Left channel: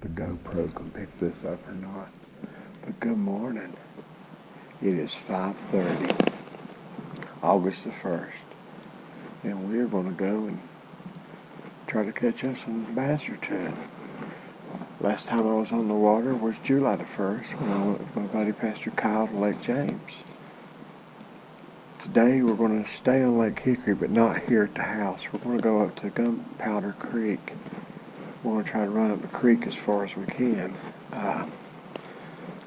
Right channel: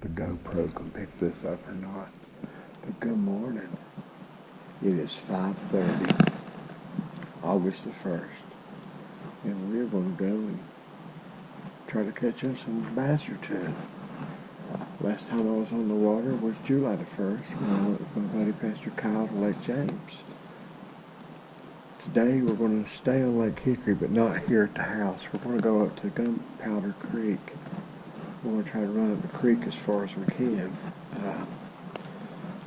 The GoPro can pick this up or not. But good morning. It is 5:30, August the 1st. And we're going to go and try to catch us some bass or two. Last time I was on the water was July the 1st when I went with my buddy Pastor Kyle to Lake James. Today we're going to stay on Lake Hickory, but not here at the house. We're going to go up to Gunpowder Creek. We're going to try to run up the creek as far as we can.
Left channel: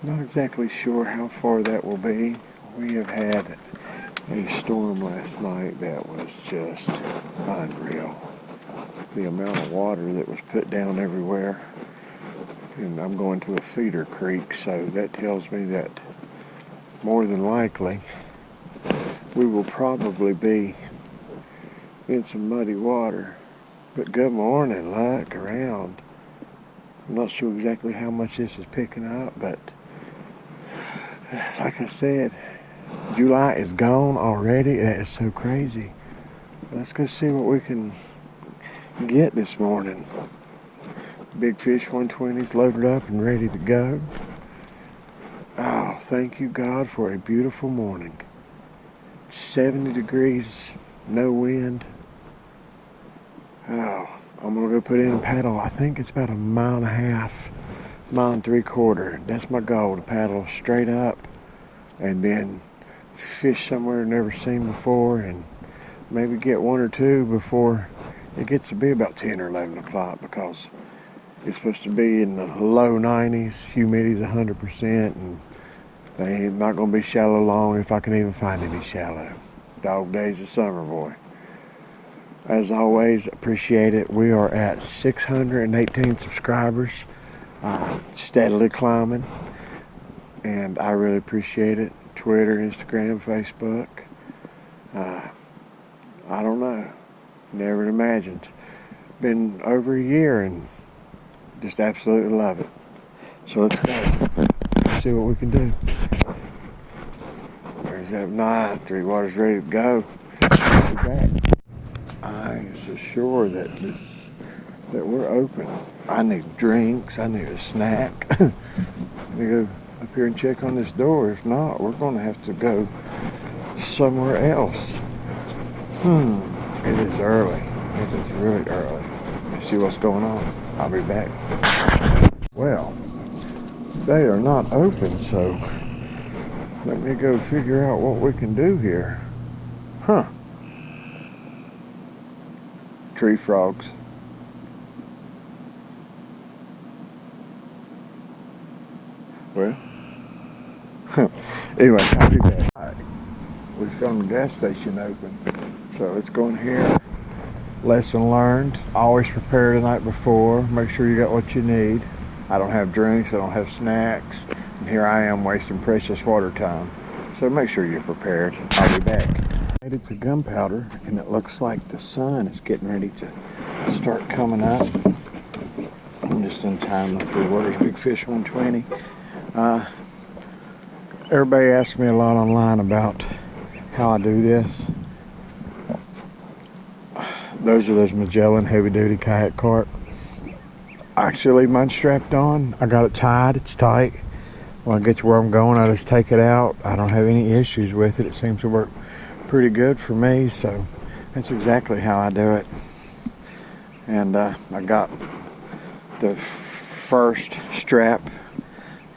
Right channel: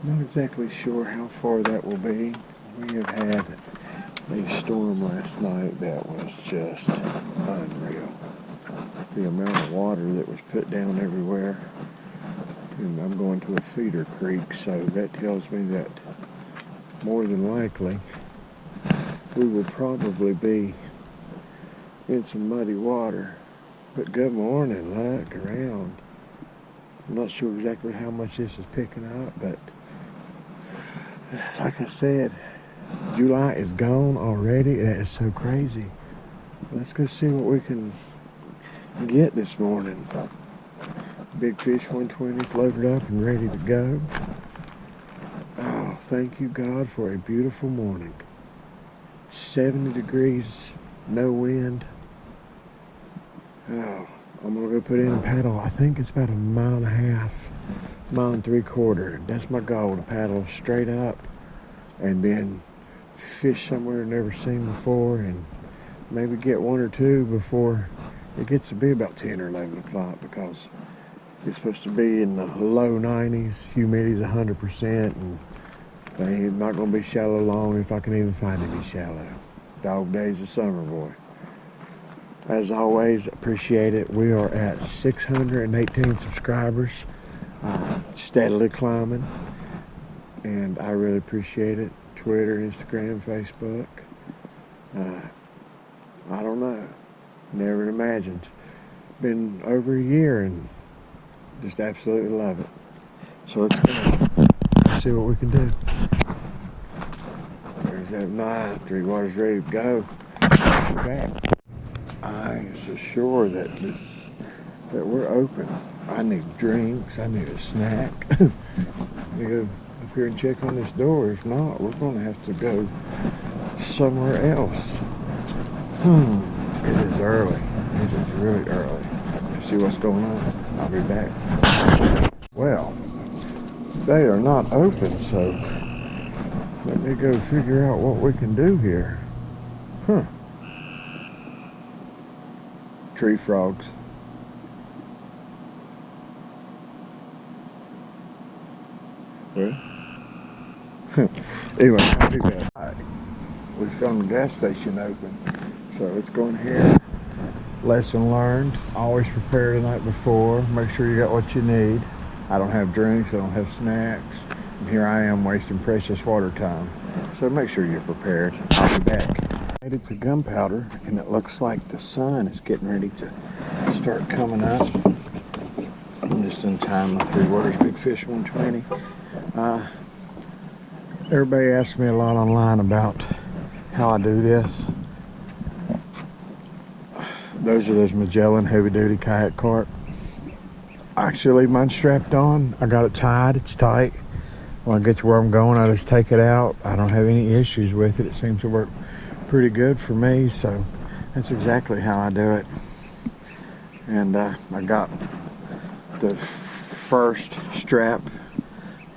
Not exactly sure how far that will be. We have had a storm last night that was just unreal. The amount of water that was put down everywhere. And I'm going to a feeder creek, so that tells me that more than likely we will probably be in some muddy water. But good morning, look around. I'm not sure exactly how much this is picking up, but like I said, July is gone already. That is so crazy. Let's go see what we can get this morning. Big Fish 120s loaded up and ready to go. Oh, thank you, God, for a beautiful morning. 70 degrees, no wind. Oh, I'm going to go put in and paddle. I think it's about 1.5 miles, 1.75 miles. That's my goal, to paddle straight up and then fish somewhere I've never seen before and maybe get one or two before it gets to be about 10 or 11 o'clock, because it's supposed to be in the low 90s, humidity's 100%, and they ain't not going to be shallow long if I can even find any shallow. Dog days of summer, boy. As always, appreciate it. We are at 618 subscribers, steadily climbing, and I really appreciate it. Twitter, Instagram, Facebook. I don't know. Never imagined. Been over a year and just absolutely love it. So let's go. Let's see what we can do. There's that night. Three Waters ready to go. We'll be back. I am sure that we're open. I need drinks. I need a snack. Let me go up here and check on this door. If not, we're going to have to go somewhere else. It is early. It is really early. Let's see what's going on. I'll be back. Well, they are not open, so let me go figure out what we can do here. Tree frogs. Well, anyway, I'll be back. We found the gas station open, so let's go in here. Lesson learned, always prepare the night before. Make sure you got what you need. I don't have drinks, I don't have snacks, and here I am wasting precious water time. So make sure you're prepared. I'll be back. It's a Gunpowder, and it looks like the sun is getting ready to start coming up. I'm just in time. My Three Waters Big Fish 120. Everybody asks me a lot online about how I do this. Those are those Magellan heavy-duty kayak cart. I actually leave mine strapped on. I got it tied. It's tight. When I get to where I'm going, I just take it out. I don't have any issues with it. It seems to work pretty good for me, so that's exactly how I do it. And I got the first strap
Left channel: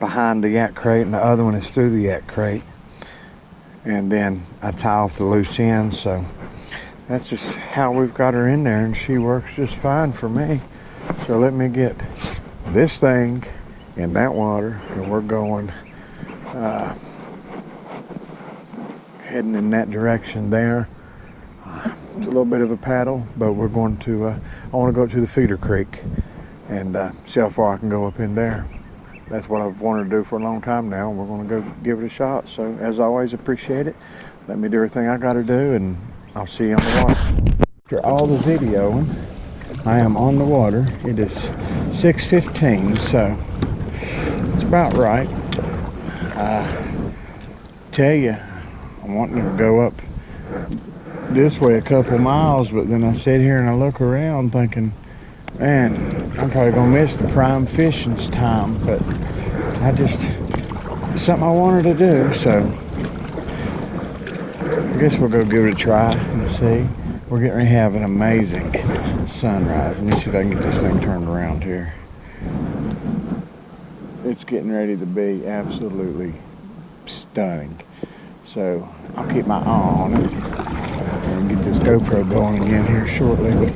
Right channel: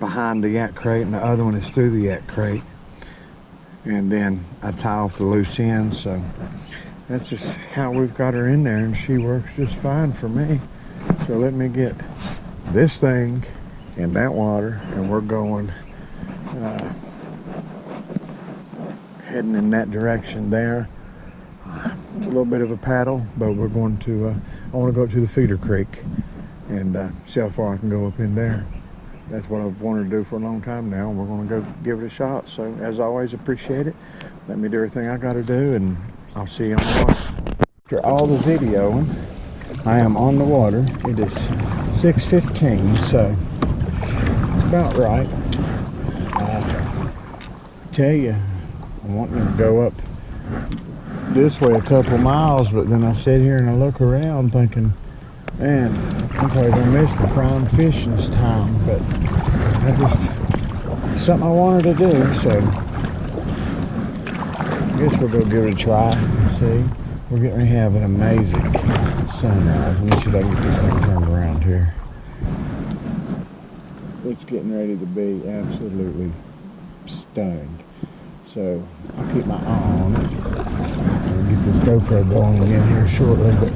behind the yak crate, and the other one is through the yak crate. And then I tie off the loose ends, so that's just how we've got her in there, and she works just fine for me. So let me get this thing in that water, and we're going heading in that direction there. It's a little bit of a paddle, but we're going to I want to go up to the feeder creek and see how far I can go up in there. That's what I've wanted to do for a long time now, and we're going to go give it a shot. So as always, appreciate it. Let me do everything I got to do, and I'll see you on the water. After all the videoing, I am on the water. It is 6:15, so it's about right. Tell you, I'm wanting to go up this way a couple miles, but then I sit here and I look around thinking, Man, I'm probably gonna miss the prime fishing time, but something I wanted to do, so I guess we'll go give it a try and see. We're getting ready to have an amazing sunrise. Let me see if I can get this thing turned around here. It's getting ready to be absolutely stunning. So I'll keep my eye on it and get this GoPro going again here shortly, but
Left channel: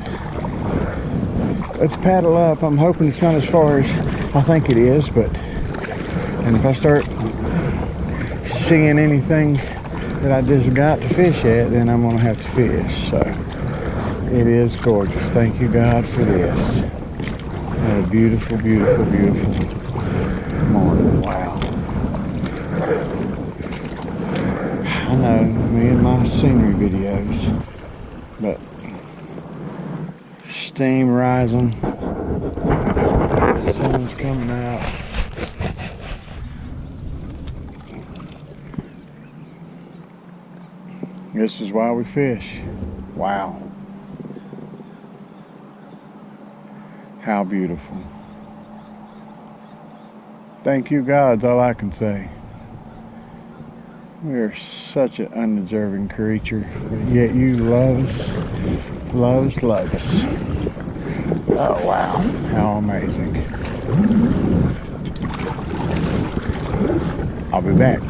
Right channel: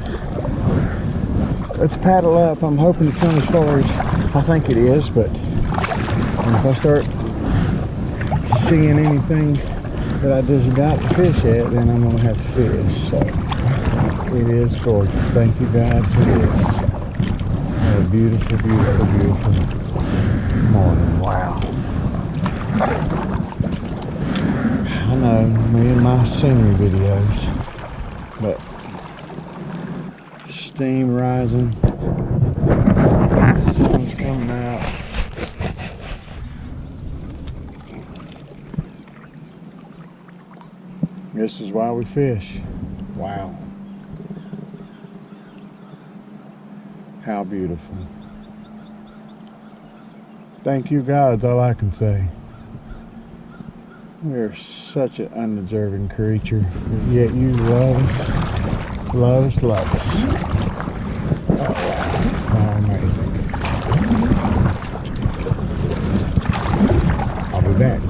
let's paddle up. I'm hoping it's not as far as I think it is, and if I start seeing anything that I just got to fish at, then I'm gonna have to fish. So it is gorgeous. Thank you, God, for this. What a beautiful, beautiful, beautiful morning. Wow. I know, me and my scenery videos, but steam rising, sun's coming out. This is why we fish. Wow. How beautiful. Thank you, God, is all I can say. We are such an undeserving creature, but yet you love us, love us, love us. Oh, wow. How amazing. I'll be back.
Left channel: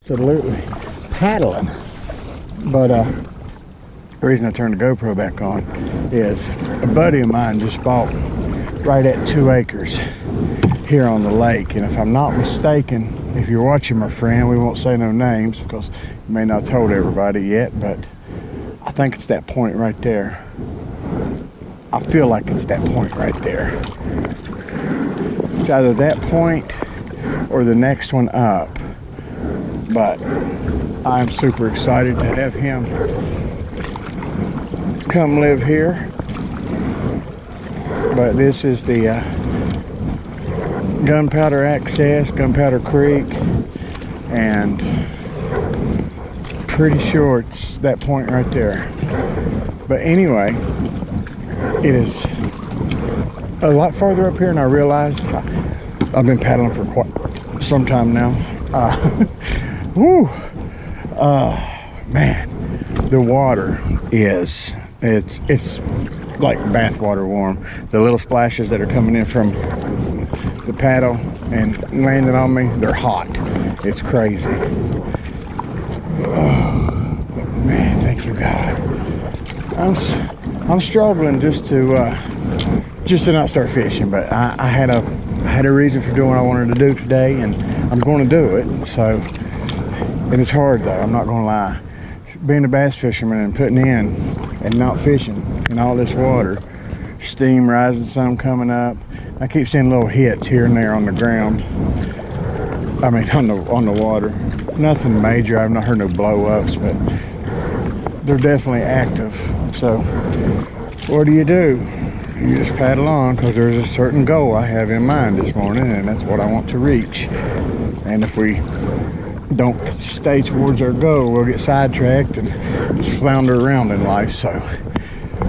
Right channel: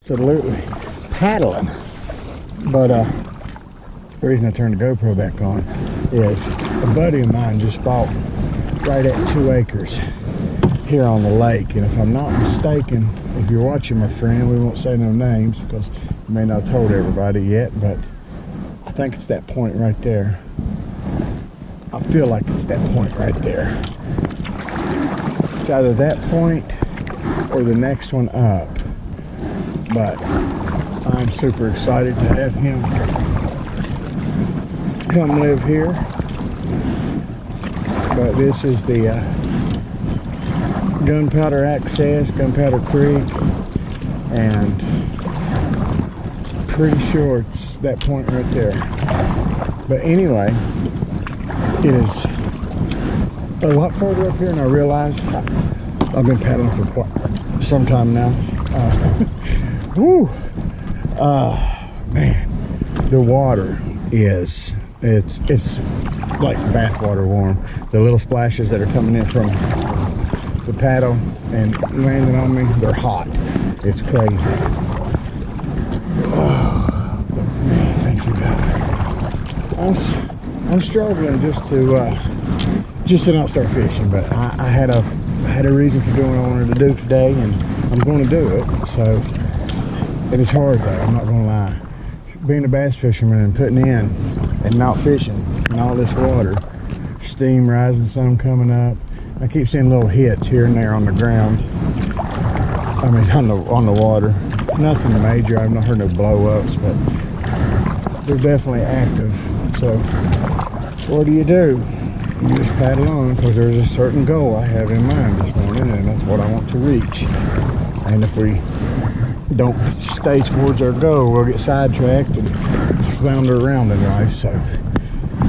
Absolutely paddling. But the reason I turned the GoPro back on is a buddy of mine just bought right at 2 acres here on the lake, and if I'm not mistaken, if you're watching, my friend, we won't say no names because you may not have told everybody yet, but I think it's that point right there. I feel like it's that point right there. It's either that point or the next one up, but I'm super excited to have him come live here. But this is the Gunpowder access, Gunpowder Creek, and pretty sure it's that point right there. But anyway, it is a lot farther up here than I realized. I've been paddling for quite some time now. Woo! Man, the water is, it's like bathwater warm. The little splashes that are coming in from the paddle and landing on me, they're hot. It's crazy. Oh, but man, thank you, God. I'm struggling just to not start fishing, but I had a reason for doing what I wanted to do today, and I'm going to do it. So, and it's hard though. I'm not going to lie. Being a bass fisherman and putting in and not fishing in all this water, steam rising, sun coming up. I keep seeing little hits here and there on the ground. I mean, on the water. Nothing major. I've not heard no blow-ups, but they're definitely active. So, what do? You just paddle on, because there's a certain goal I have in mind this morning, and that's what I want to reach. And if we don't stay towards our goal, we'll get sidetracked and just flounder around in life. So,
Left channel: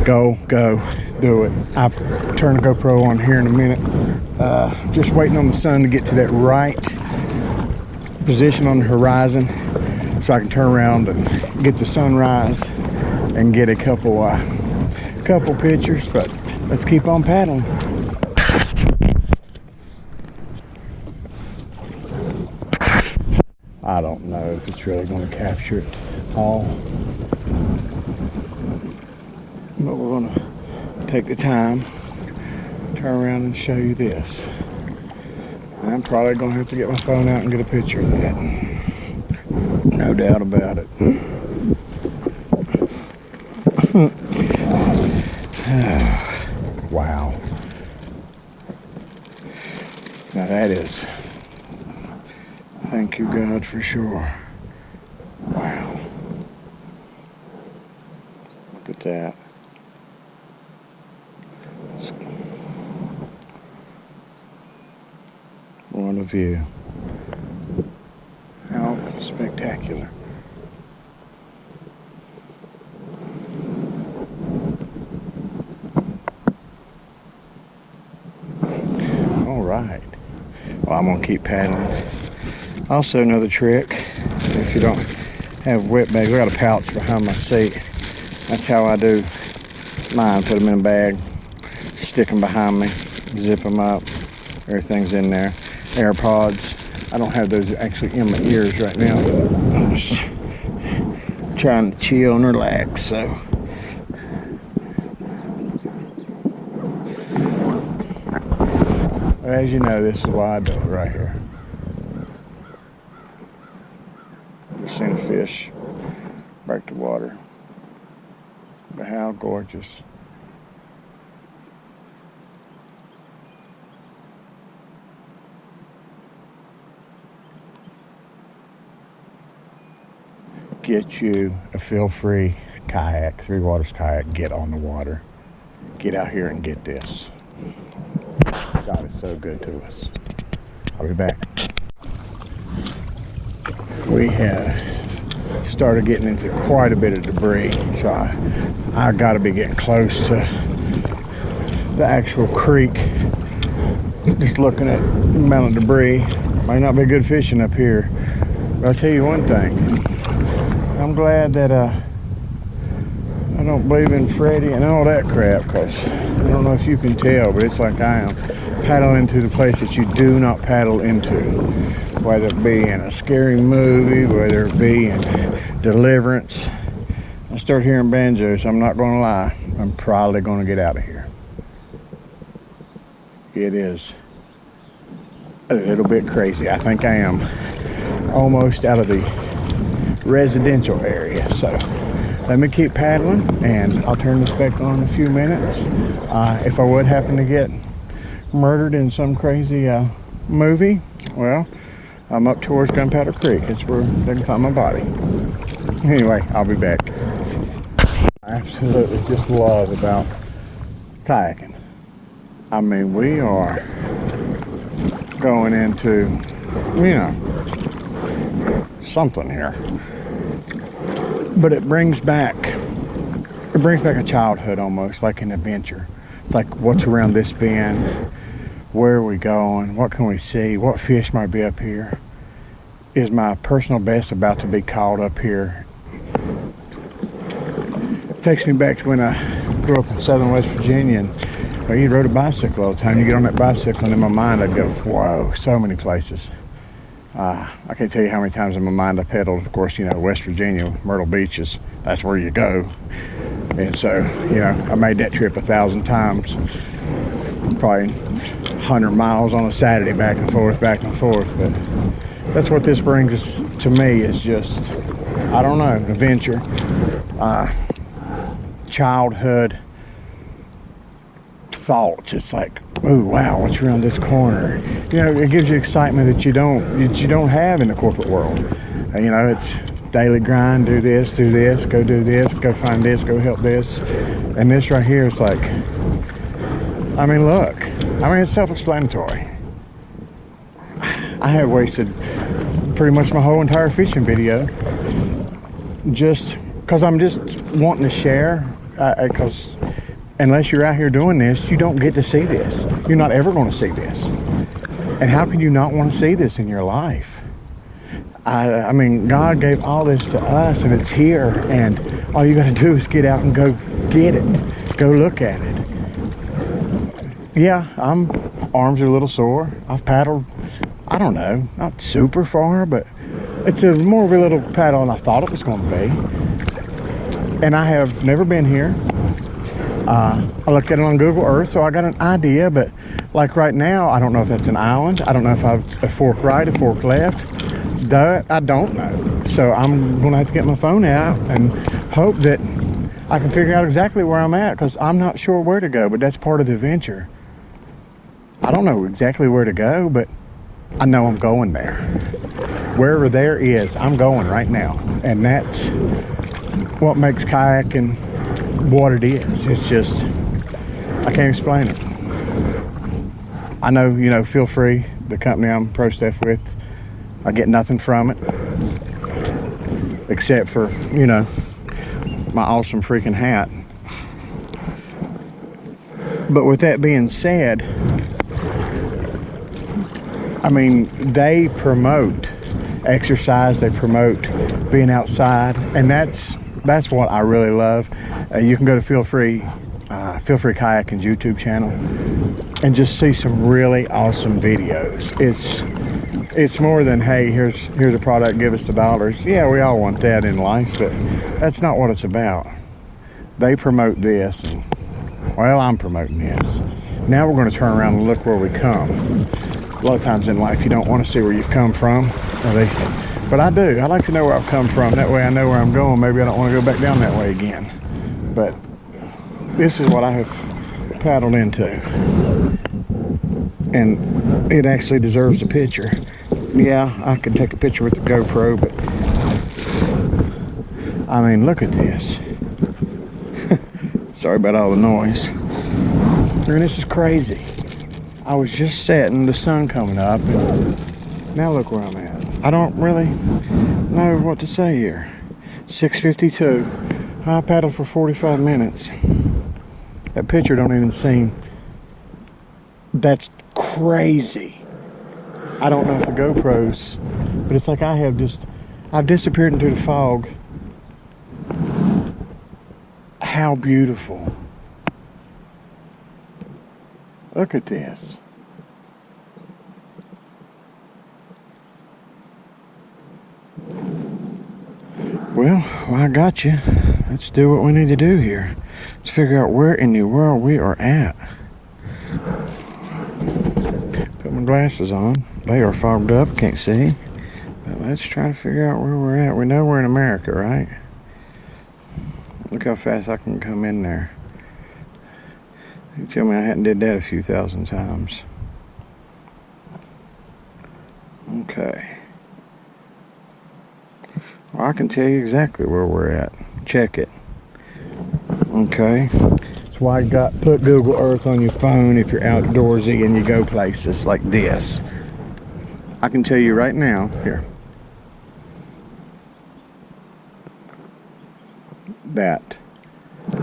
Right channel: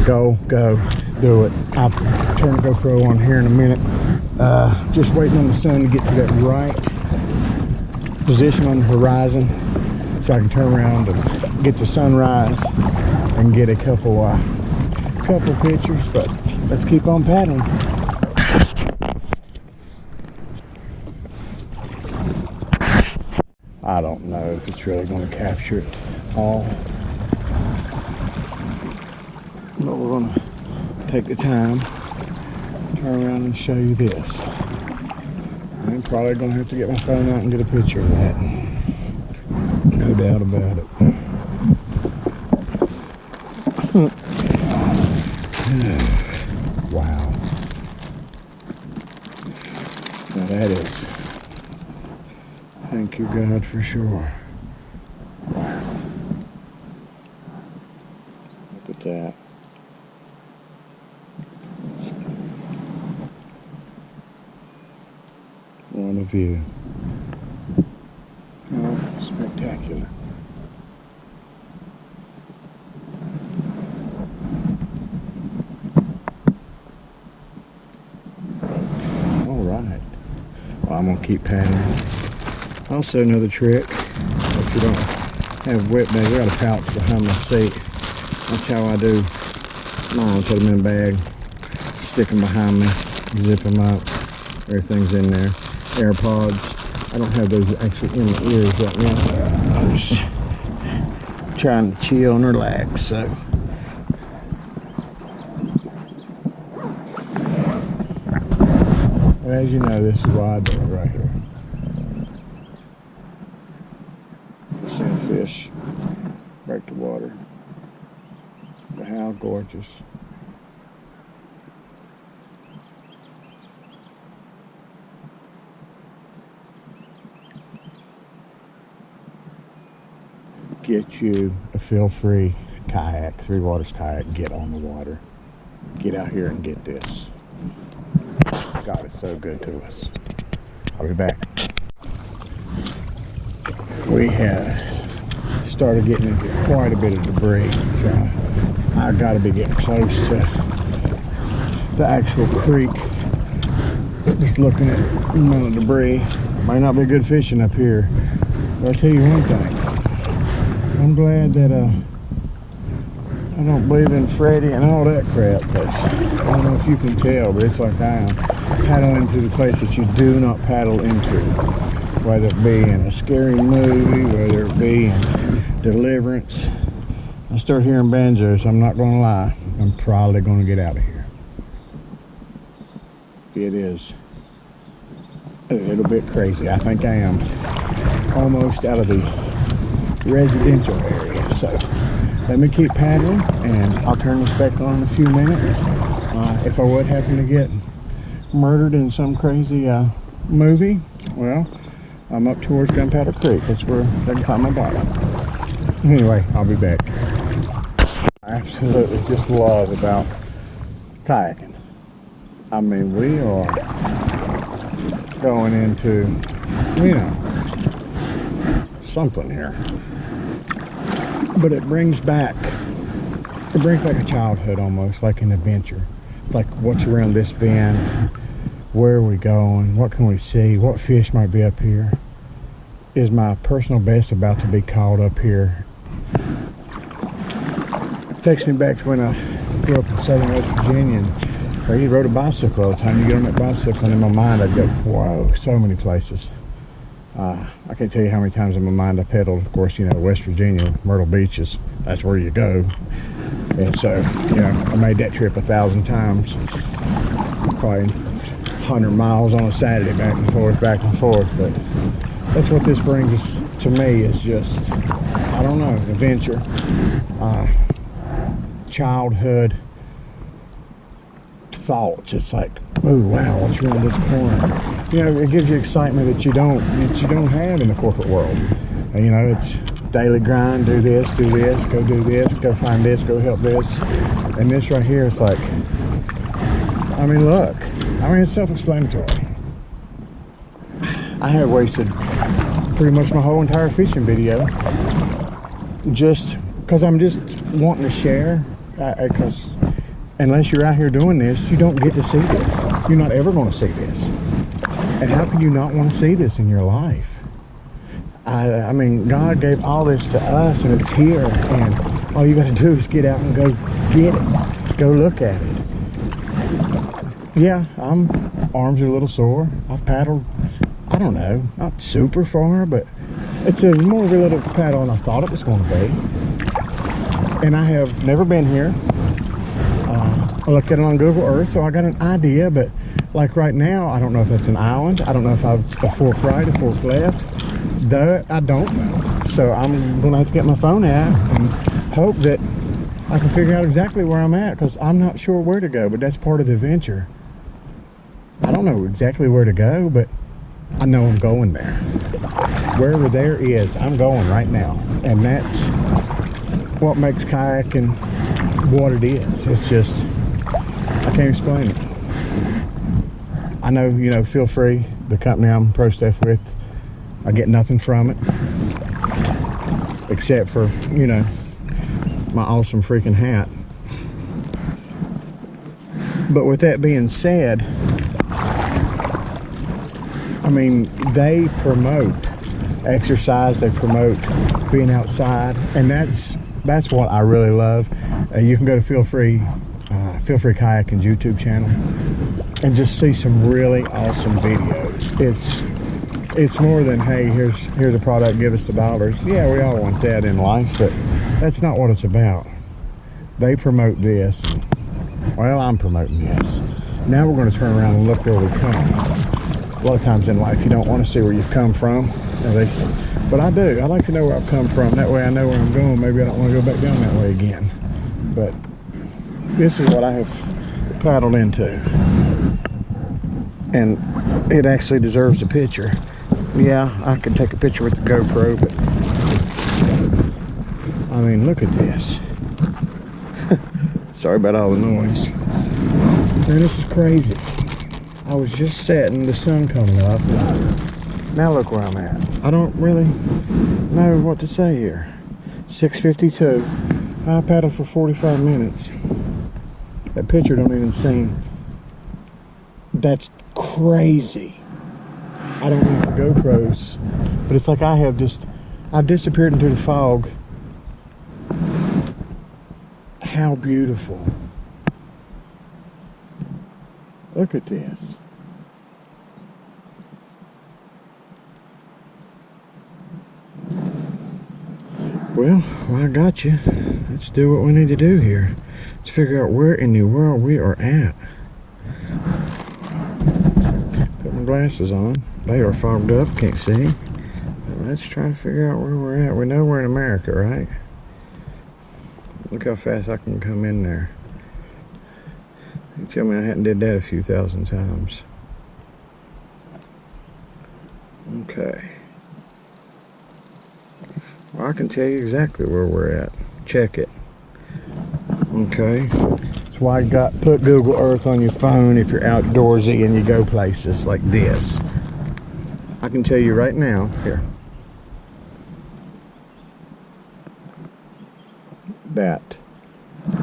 go, do it. I'll turn the GoPro on here in a minute. Just waiting on the sun to get to that right position on the horizon so I can turn around and get the sunrise and get a couple pictures. But let's keep on paddling. I don't know if it's really going to capture it all, but we're going to take the time, turn around and show you this. And I'm probably going to have to get my phone out and get a picture of that. No doubt about it. Wow. Now that is, thank you, God, for sure. Wow. Look at that. What a view. How spectacular. I'm gonna keep paddling. Also, another trick, if you don't have wet bags, I got a pouch behind my seat. That's how I do mine. Put them in a bag, stick them behind me, zip them up. Everything's in there. AirPods. I don't have those actually in my ears right now. I'm just trying to chill and relax. So, as you know, this is why I do it right here. Just seen a fish break the water. But how gorgeous. Get you a feel-free kayak, Three Waters kayak. Get on the water. Get out here and get this. God is so good to us. I'll be back. We have started getting into quite a bit of debris, so I got to be getting close to the actual creek. Just looking at the amount of debris. Might not be good fishing up here, but I'll tell you one thing. I'm glad that I don't believe in Freddy and all that crap, because I don't know if you can tell, but it's like I am paddling into the place that you do not paddle into, whether it be in a scary movie, whether it be in Deliverance. I start hearing banjos, I'm not going to lie, I'm probably going to get out of here. It is a little bit crazy. I think I am almost out of the residential area, so let me keep paddling and I'll turn this back on in a few minutes. If I would happen to get murdered in some crazy movie, well, I'm up towards Gunpowder Creek. That's where they can find my body. Anyway, I'll be back. I absolutely just love about kayaking. I mean, we are going into, you know, something here. But it brings back a childhood almost, like an adventure. It's like, what's around this bend? Where are we going? What can we see? What fish might be up here? Is my personal best about to be caught up here? It takes me back to when I grew up in southern West Virginia, and well, you rode a bicycle all the time. You get on that bicycle, and in my mind I'd go, whoa, so many places. I can't tell you how many times in my mind I pedaled. Of course, you know, West Virginia, Myrtle Beach that's where you go. And so, you know, I made that trip 1,000 times. Probably 100 miles on a Saturday, back and forth. But that's what this brings us to me, is just, I don't know, adventure. Childhood thoughts. It's like, oh wow, what's around this corner? You know, it gives you excitement that you don't have in the corporate world. You know, it's daily grind, do this, go do this, go find this, go help this. And this right here is like, I mean, look, it's self-explanatory. I have wasted pretty much my whole entire fishing video just because I'm just wanting to share, because unless you're out here doing this, you don't get to see this. You're not ever going to see this. And how can you not want to see this in your life? I mean, God gave all this to us, and it's here, and all you got to do is get out and go get it. Go look at it. Yeah, arms are a little sore. I've paddled, I don't know, not super far, but it's more of a little paddle than I thought it was going to be. And I have never been here. I looked at it on Google Earth, so I got an idea, but like right now, I don't know if that's an island. I don't know if I've a fork right, a fork left. That I don't know. So I'm gonna have to get my phone out and hope that I can figure out exactly where I'm at, because I'm not sure where to go, but that's part of the adventure. I don't know exactly where to go, but I know I'm going there. Wherever there is, I'm going right now. And that's what makes kayaking what it is. It's just, I can't explain it. I know, you know, Feel Free, the company I'm pro staff with, I get nothing from it except for, you know, my awesome freaking hat. But with that being said, I mean, they promote exercise, they promote being outside, and that's what I really love. You can go to Feel Free Kayaking's YouTube channel and just see some really awesome videos. It's more than, hey, here's a product, give us the dollars. Yeah, we all want that in life, but that's not what it's about. They promote this, and, well, I'm promoting this. Now we're going to turn around and look where we come. A lot of times in life you don't want to see where you've come from, but I do. I like to know where I've come from. That way I know where I'm going. Maybe I don't want to go back down that way again. But this is what I have paddled into, and it actually deserves a picture. Yeah, I could take a picture with the GoPro, but I mean, look at this. Sorry about all the noise. Man, this is crazy. I was just setting, the sun coming up, and now look where I'm at. I don't really know what to say here. 6:52. I paddled for 45 minutes. That picture don't even seem... That's crazy. I don't know if the GoPros, but it's like I've disappeared into the fog. How beautiful. Look at this. Well, I got you. Let's do what we need to do here. Let's figure out where in the world we are at. Put my glasses on. They are fogged up, can't see. But let's try to figure out where we're at. We know we're in America, right? Look how fast I can come in there. You tell me I hadn't did that a few thousand times. Okay. Well, I can tell you exactly where we're at. Check it. Okay. That's why I put Google Earth on your phone if you're outdoorsy and you go places like this. I can tell you right now, here.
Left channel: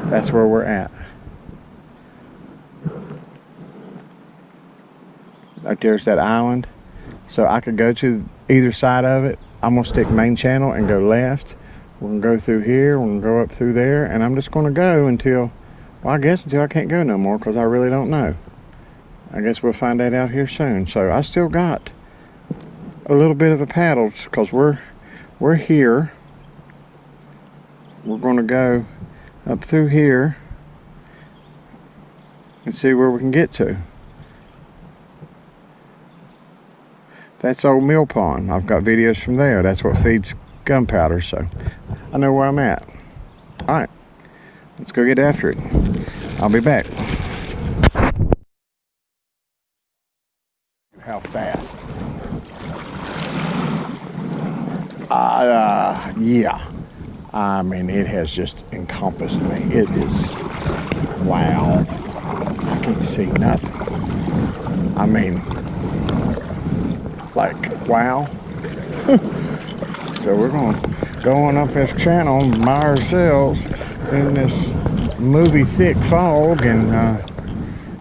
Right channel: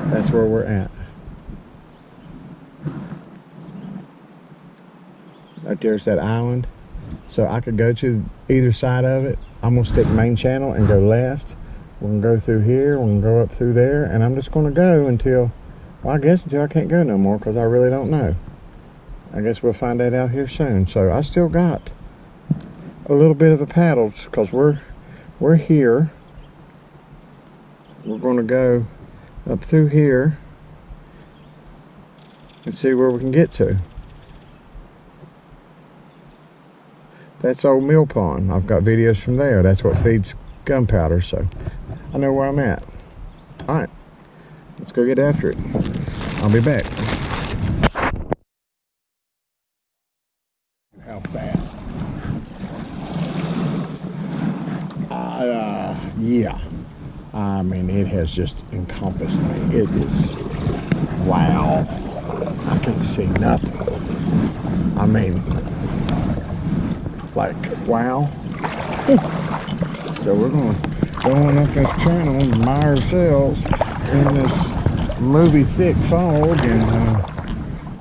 That's where we're at. Right there's that island. So I could go to either side of it. I'm gonna stick main channel and go left. We're gonna go through here, we're gonna go up through there, and I'm just gonna go until, well, I guess until I can't go no more, because I really don't know. I guess we'll find that out here soon. So I still got a little bit of a paddle, because we're here. We're gonna go up through here and see where we can get to. That's Old Mill Pond. I've got videos from there. That's what feeds Gunpowder, so I know where I'm at. All right, let's go get after it. I'll be back. How fast? Yeah. I mean, it has just encompassed me. It is, wow. I can't see nothing. I mean, like, wow. So we're going up this channel by ourselves in this movie thick fog and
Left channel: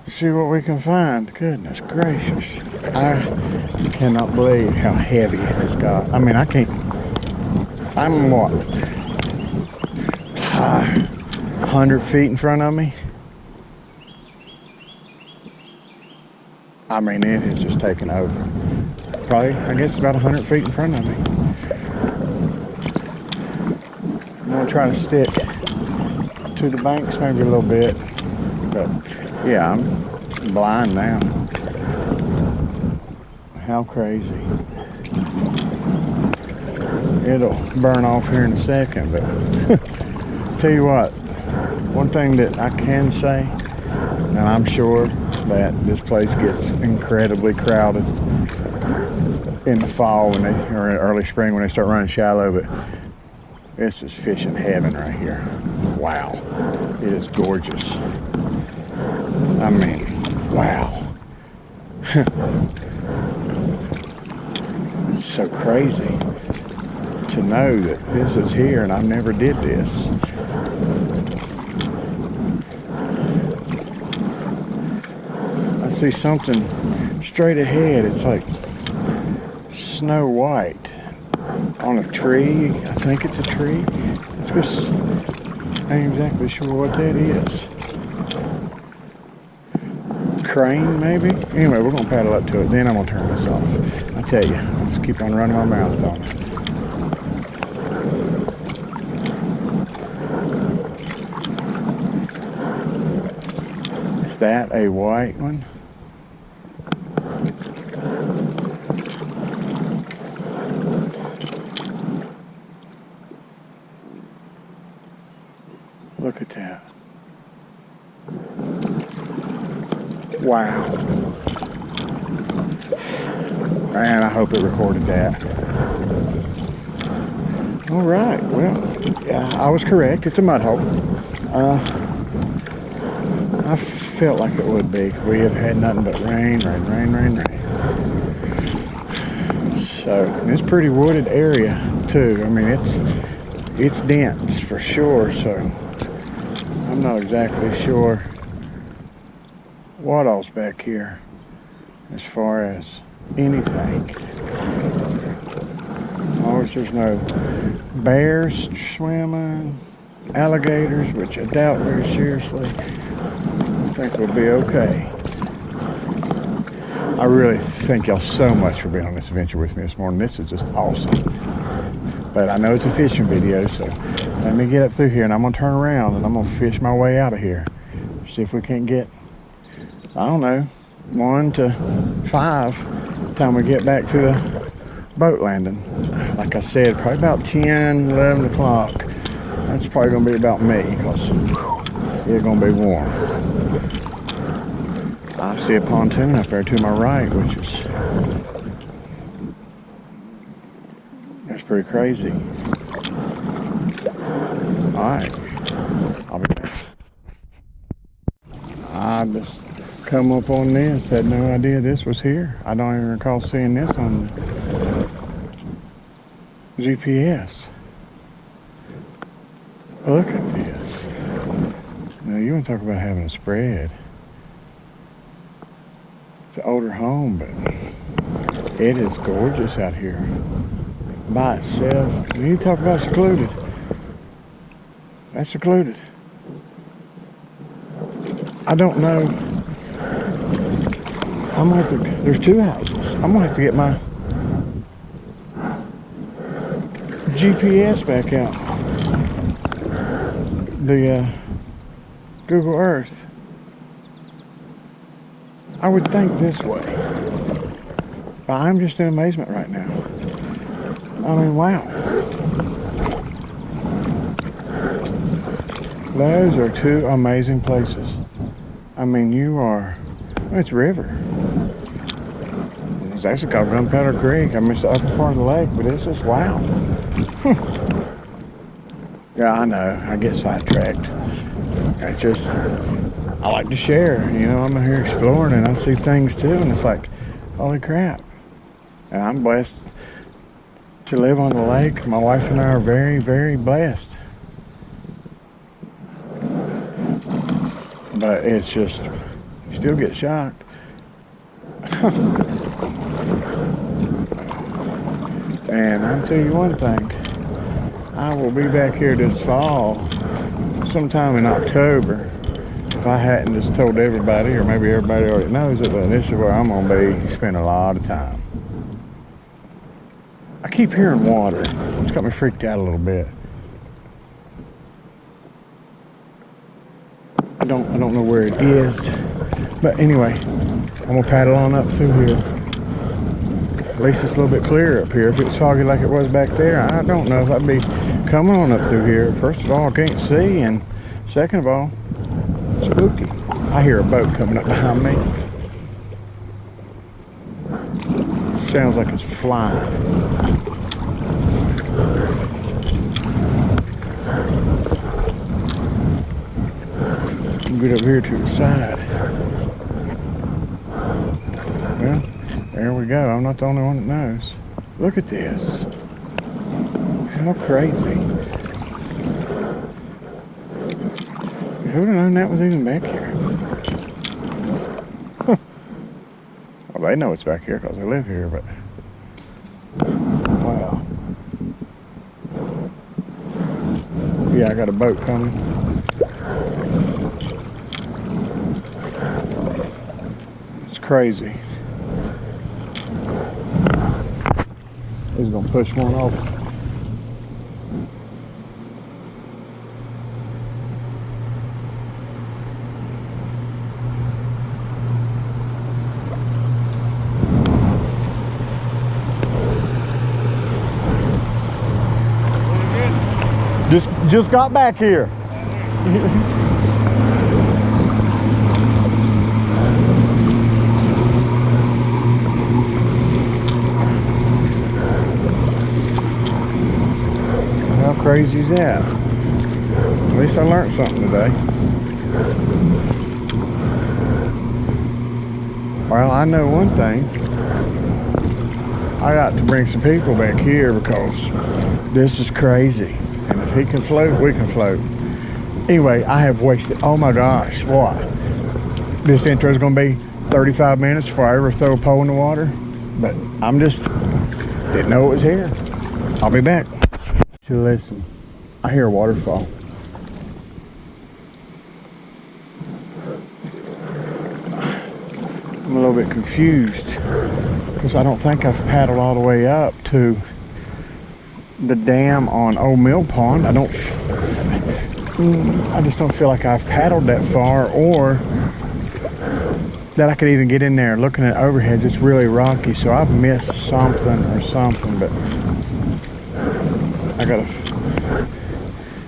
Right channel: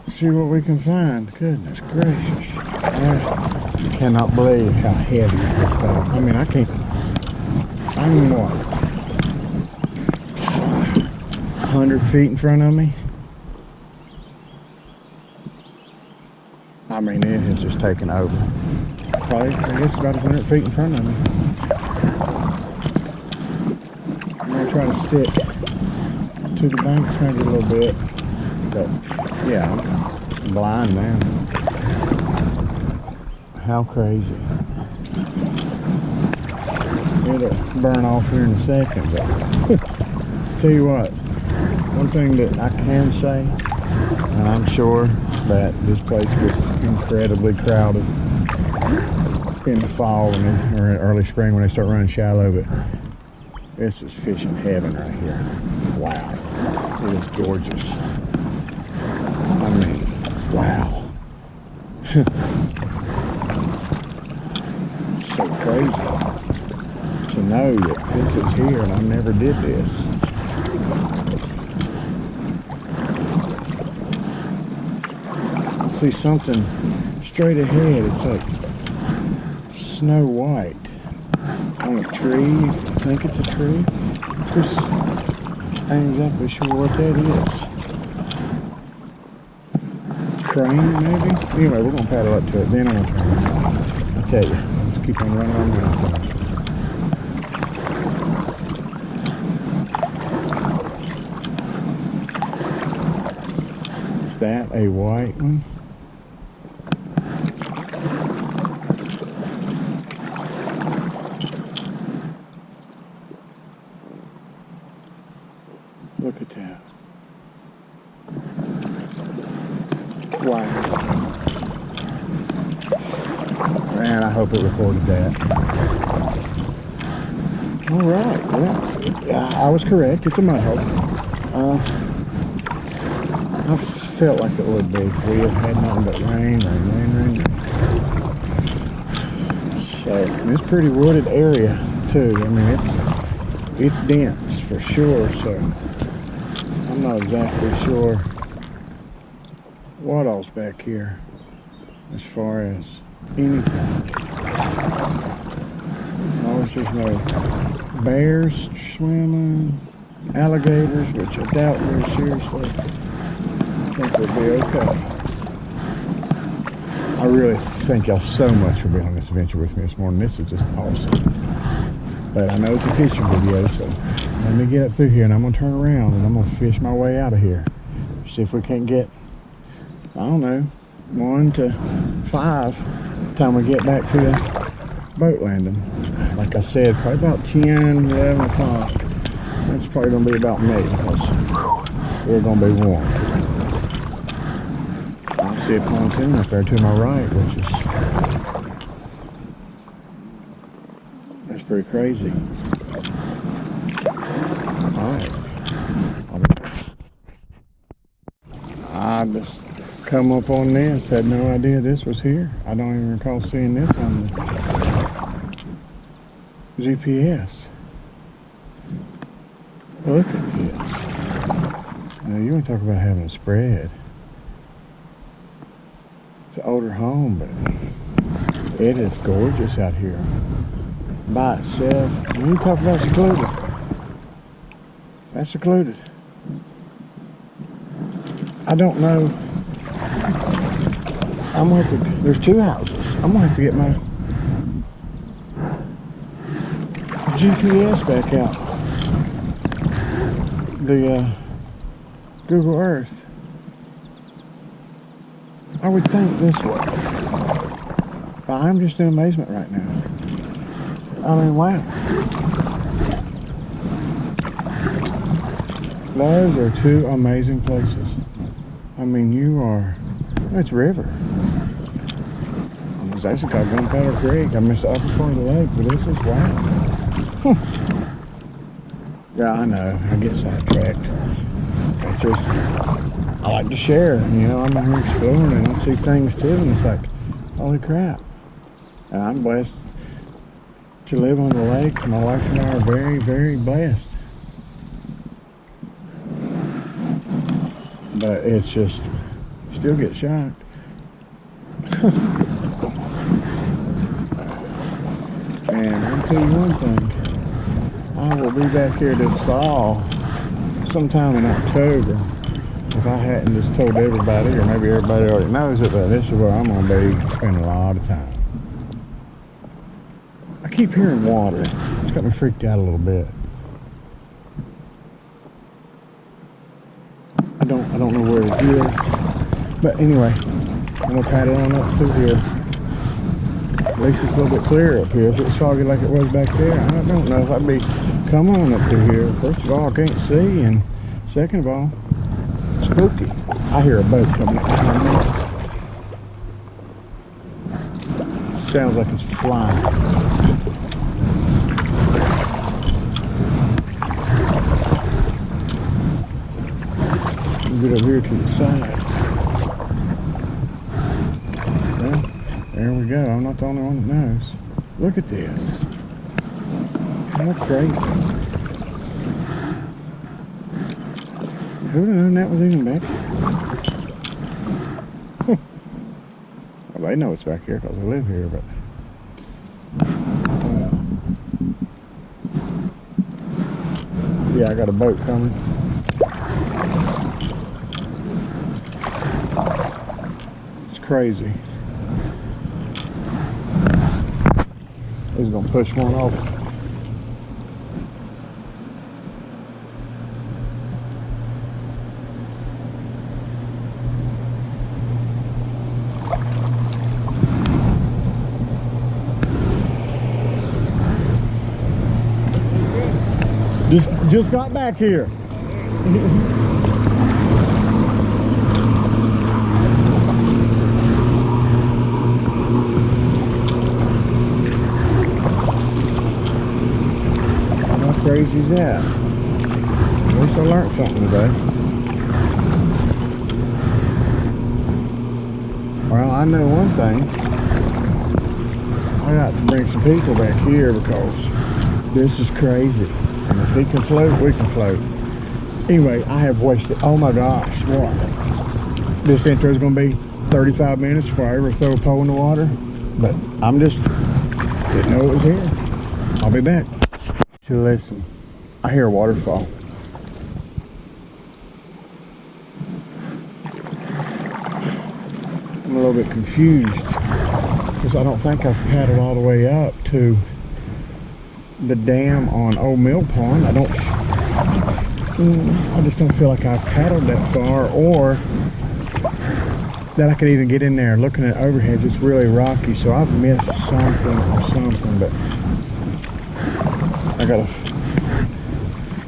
see what we can find. Goodness gracious. I cannot believe how heavy it has got. I mean, I'm what? 100 feet in front of me. I mean, it has just taken over. Probably, I guess, about 100 feet in front of me. I'm gonna try to stick to the banks maybe a little bit, but yeah, I'm blind now. How crazy. It'll burn off here in a second, but tell you what, one thing that I can say, and I'm sure that this place gets incredibly crowded in the fall or in early spring when they start running shallow, but this is fishing heaven right here. Wow, it is gorgeous. I mean, wow. It's so crazy to know that this is here and I never did this. I see something straight ahead. It's like Snow White on a tree. I think it's a tree. Let's go. I ain't exactly sure what that is. Crane, maybe? Anyway, we're going to paddle up to it. Then I'm going to turn this off. I tell you, I'll just keep on running my mouth on it. Is that a white one? Look at that. Wow. Man, I hope it recorded that. All right, well, I was correct. It's a mud hole. I felt like it would be. We have had nothing but rain. So, and it's a pretty wooded area too. I mean, it's dense for sure. So, I'm not exactly sure what all's back here as far as anything. Of course, there's no bears swimming, alligators, which I doubt very seriously. I think we'll be okay. I really thank y'all so much for being on this adventure with me this morning. This is just awesome. But I know it's a fishing video, so let me get up through here and I'm gonna turn around and I'm gonna fish my way out of here. See if we can't get, I don't know, 1 to 5 time we get back to the boat landing. Like I said, probably about 10, 11 o'clock. That's probably gonna be about me because it's gonna be warm. I see a pontoon up there to my right, which is, that's pretty crazy. All right, I'll be back. I just come up on this, had no idea this was here. I don't even recall seeing this on the GPS. Look at this. Now you want to talk about having a spread. It's an older home, but it is gorgeous out here by itself. When you talk about secluded, that's secluded. I don't know. I'm gonna have to, there's 2 houses. I'm gonna have to get my GPS back out. The Google Earth. I would think this way. But I'm just in amazement right now. I mean, wow. Those are 2 amazing places. I mean, you are, well, it's river. It's actually called Gunpowder Creek. I mean, it's the upper part of the lake, but it's just wow. Yeah, I know, I get sidetracked. It's just, I like to share, you know, I'm out here exploring and I see things too, and it's like, holy crap. And I'm blessed to live on the lake. My wife and I are very, very blessed. But it's just, you still get shocked. And I'll tell you one thing, I will be back here this fall, sometime in October. If I hadn't just told everybody, or maybe everybody already knows it, but this is where I'm gonna be spending a lot of time. I keep hearing water. It's got me freaked out a little bit. I don't know where it is, but anyway, I'm gonna paddle on up through here. At least it's a little bit clearer up here. If it's foggy like it was back there, I don't know if I'd be coming on up through here. First of all, I can't see, and second of all, spooky. I hear a boat coming up behind me. Sounds like it's flying. Get over here to the side. Well, there we go. I'm not the only one that knows. Look at this. How crazy. Who would have known that was even back here? Well, they know it's back here because they live here, but Yeah, I got a boat coming. It's crazy. He's gonna push one off. Just got back here. How crazy is that? At least I learned something today. Well, I know one thing. I got to bring some people back here because this is crazy. And if he can float, we can float. Anyway, I have wasted, oh my gosh, what? This intro is going to be 35 minutes before I ever throw a pole in the water. But I'm just, didn't know it was here. I'll be back. Listen, I hear a waterfall. I'm a little bit confused because I don't think I've paddled all the way up to the dam on Old Mill Pond. I just don't feel like I've paddled that far, or that I could even get in there. Looking at overheads, it's really rocky, so I've missed something or something. But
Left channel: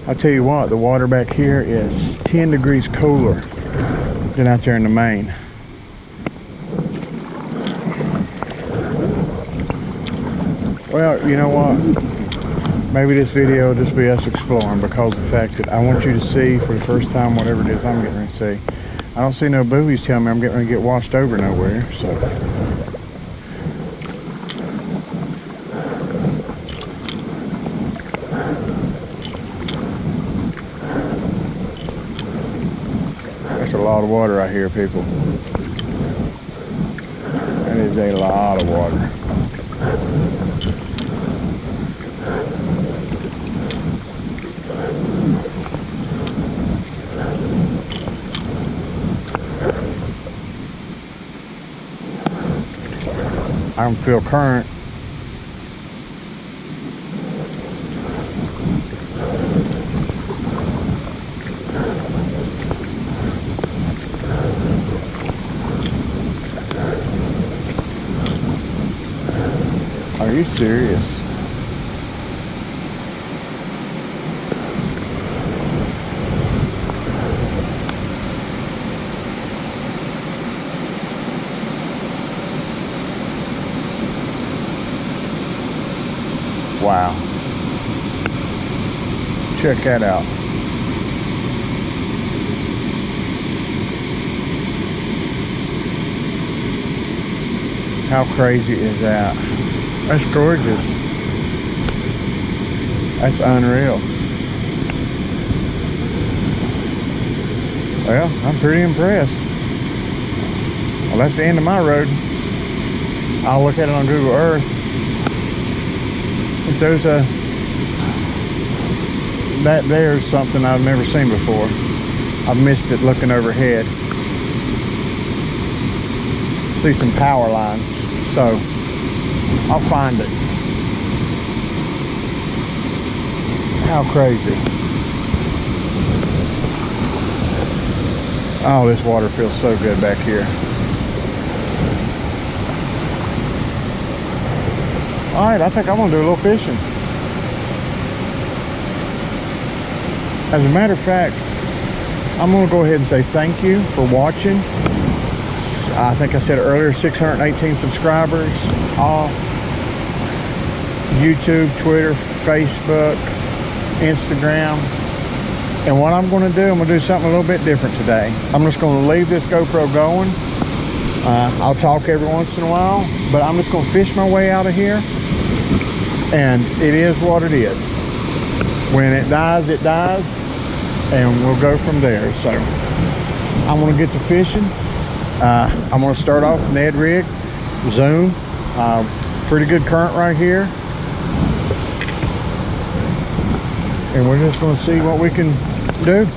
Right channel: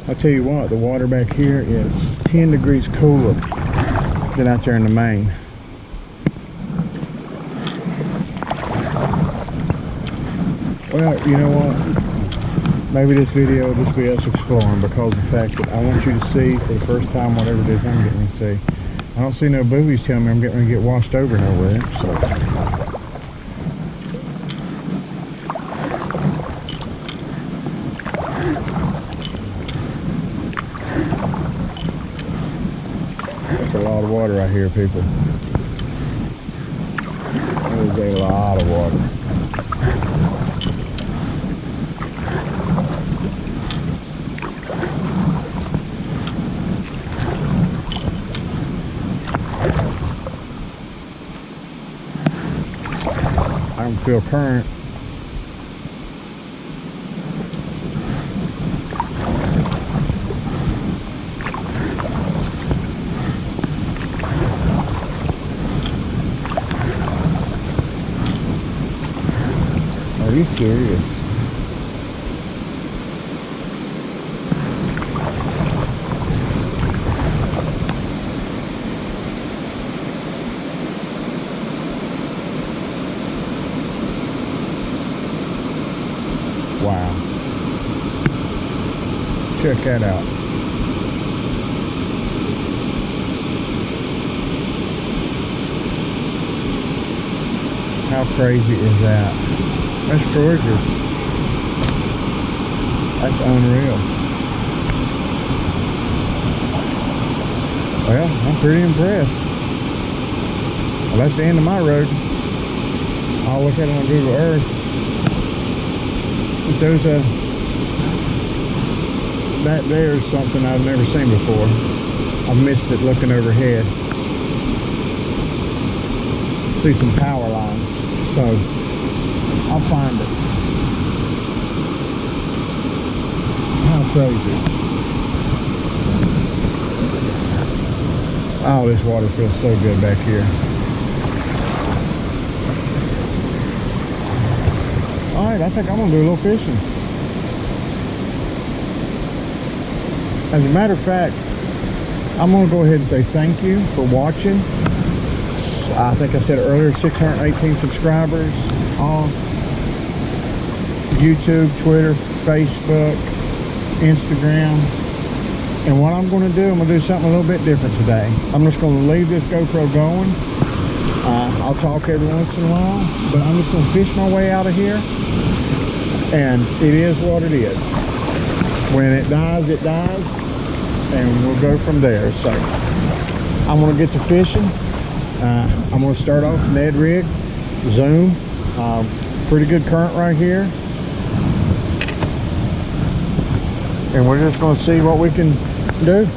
I'll tell you what, the water back here is 10 degrees cooler than out there in the main. Well, you know what? Maybe this video will just be us exploring, because the fact that I want you to see for the first time whatever it is I'm getting ready to see. I don't see no buoys telling me I'm getting ready to get washed over nowhere, so. That's a lot of water right here, people. That is a lot of water. I don't feel current. Are you serious? Wow. Check that out. How crazy is that? That's gorgeous. That's unreal. Well, I'm pretty impressed. Well, that's the end of my road. I'll look at it on Google Earth. If there's that there's something I've never seen before. I've missed it looking overhead. See some power lines, so I'll find it. How crazy. Oh, this water feels so good back here. All right, I think I'm gonna do a little fishing. As a matter of fact, I'm gonna go ahead and say thank you for watching. I think I said earlier, 618 subscribers on YouTube, Twitter, Facebook, Instagram. And what I'm gonna do, I'm gonna do something a little bit different today. I'm just gonna leave this GoPro going. I'll talk every once in a while, but I'm just gonna fish my way out of here. And it is what it is. When it dies, and we'll go from there. So I'm gonna get to fishing. I'm gonna start off Ned rig, zoom, pretty good current right here. and we're just going to see what we can do.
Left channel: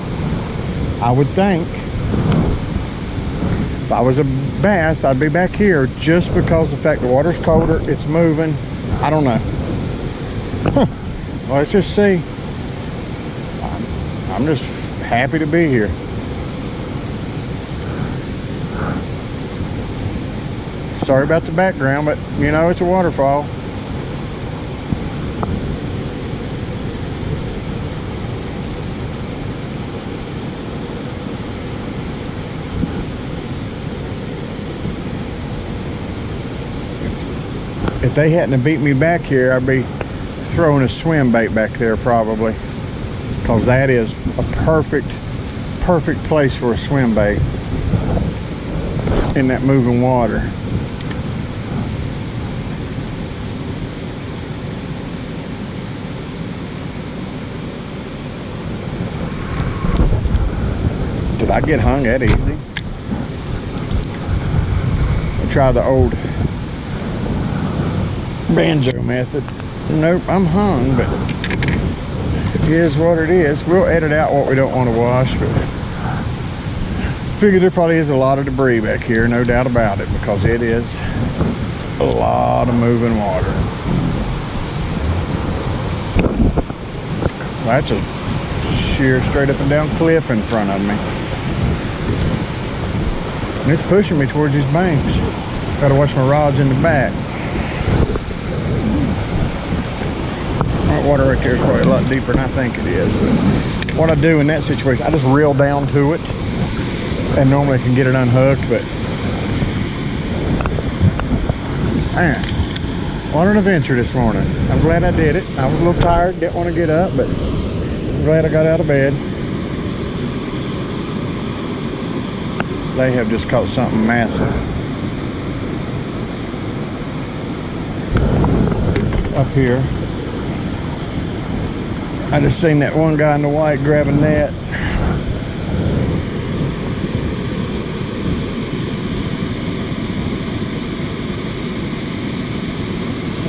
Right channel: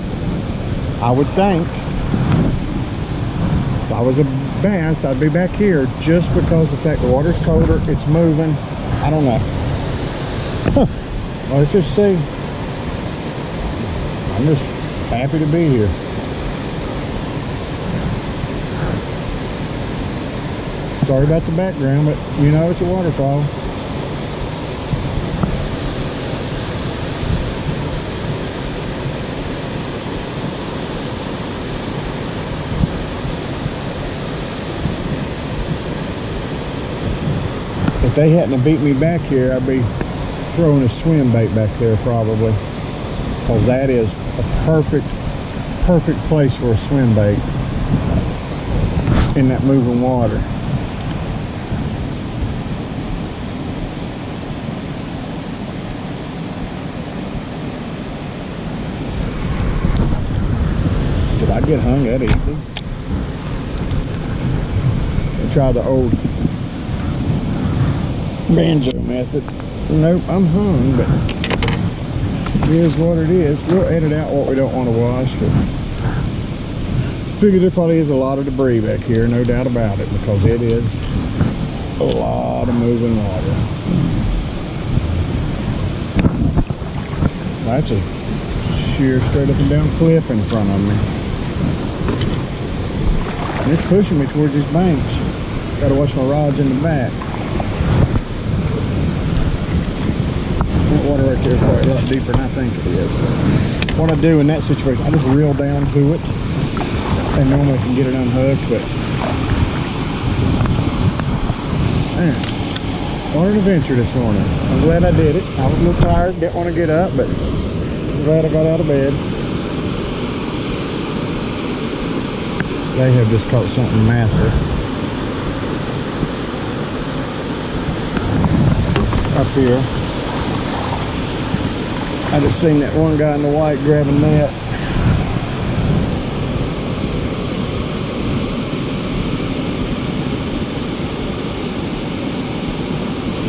I would think if I was a bass, I'd be back here just because the fact the water's colder, it's moving. I don't know. Huh. Well, let's just see. I'm just happy to be here. Sorry about the background, but you know, it's a waterfall. If they hadn't have beat me back here, I'd be throwing a swim bait back there probably, because that is a perfect place for a swim bait in that moving water. Did I get hung that easy? I'll try the old banjo method. Nope, I'm hung, but it is what it is. We'll edit out what we don't want to wash, but figure there probably is a lot of debris back here, no doubt about it, because it is a lot of moving water. That's a sheer straight up and down cliff in front of me. And it's pushing me towards these banks. Got to watch my rods in the back. That water right there is probably a lot deeper than I think it is. But what I do in that situation, I just reel down to it, and normally I can get it unhooked. But man, what an adventure this morning. I'm glad I did it. I was a little tired, didn't want to get up, but I'm glad I got out of bed. They have just caught something massive. Up here. I just seen that one guy in the white grab a net.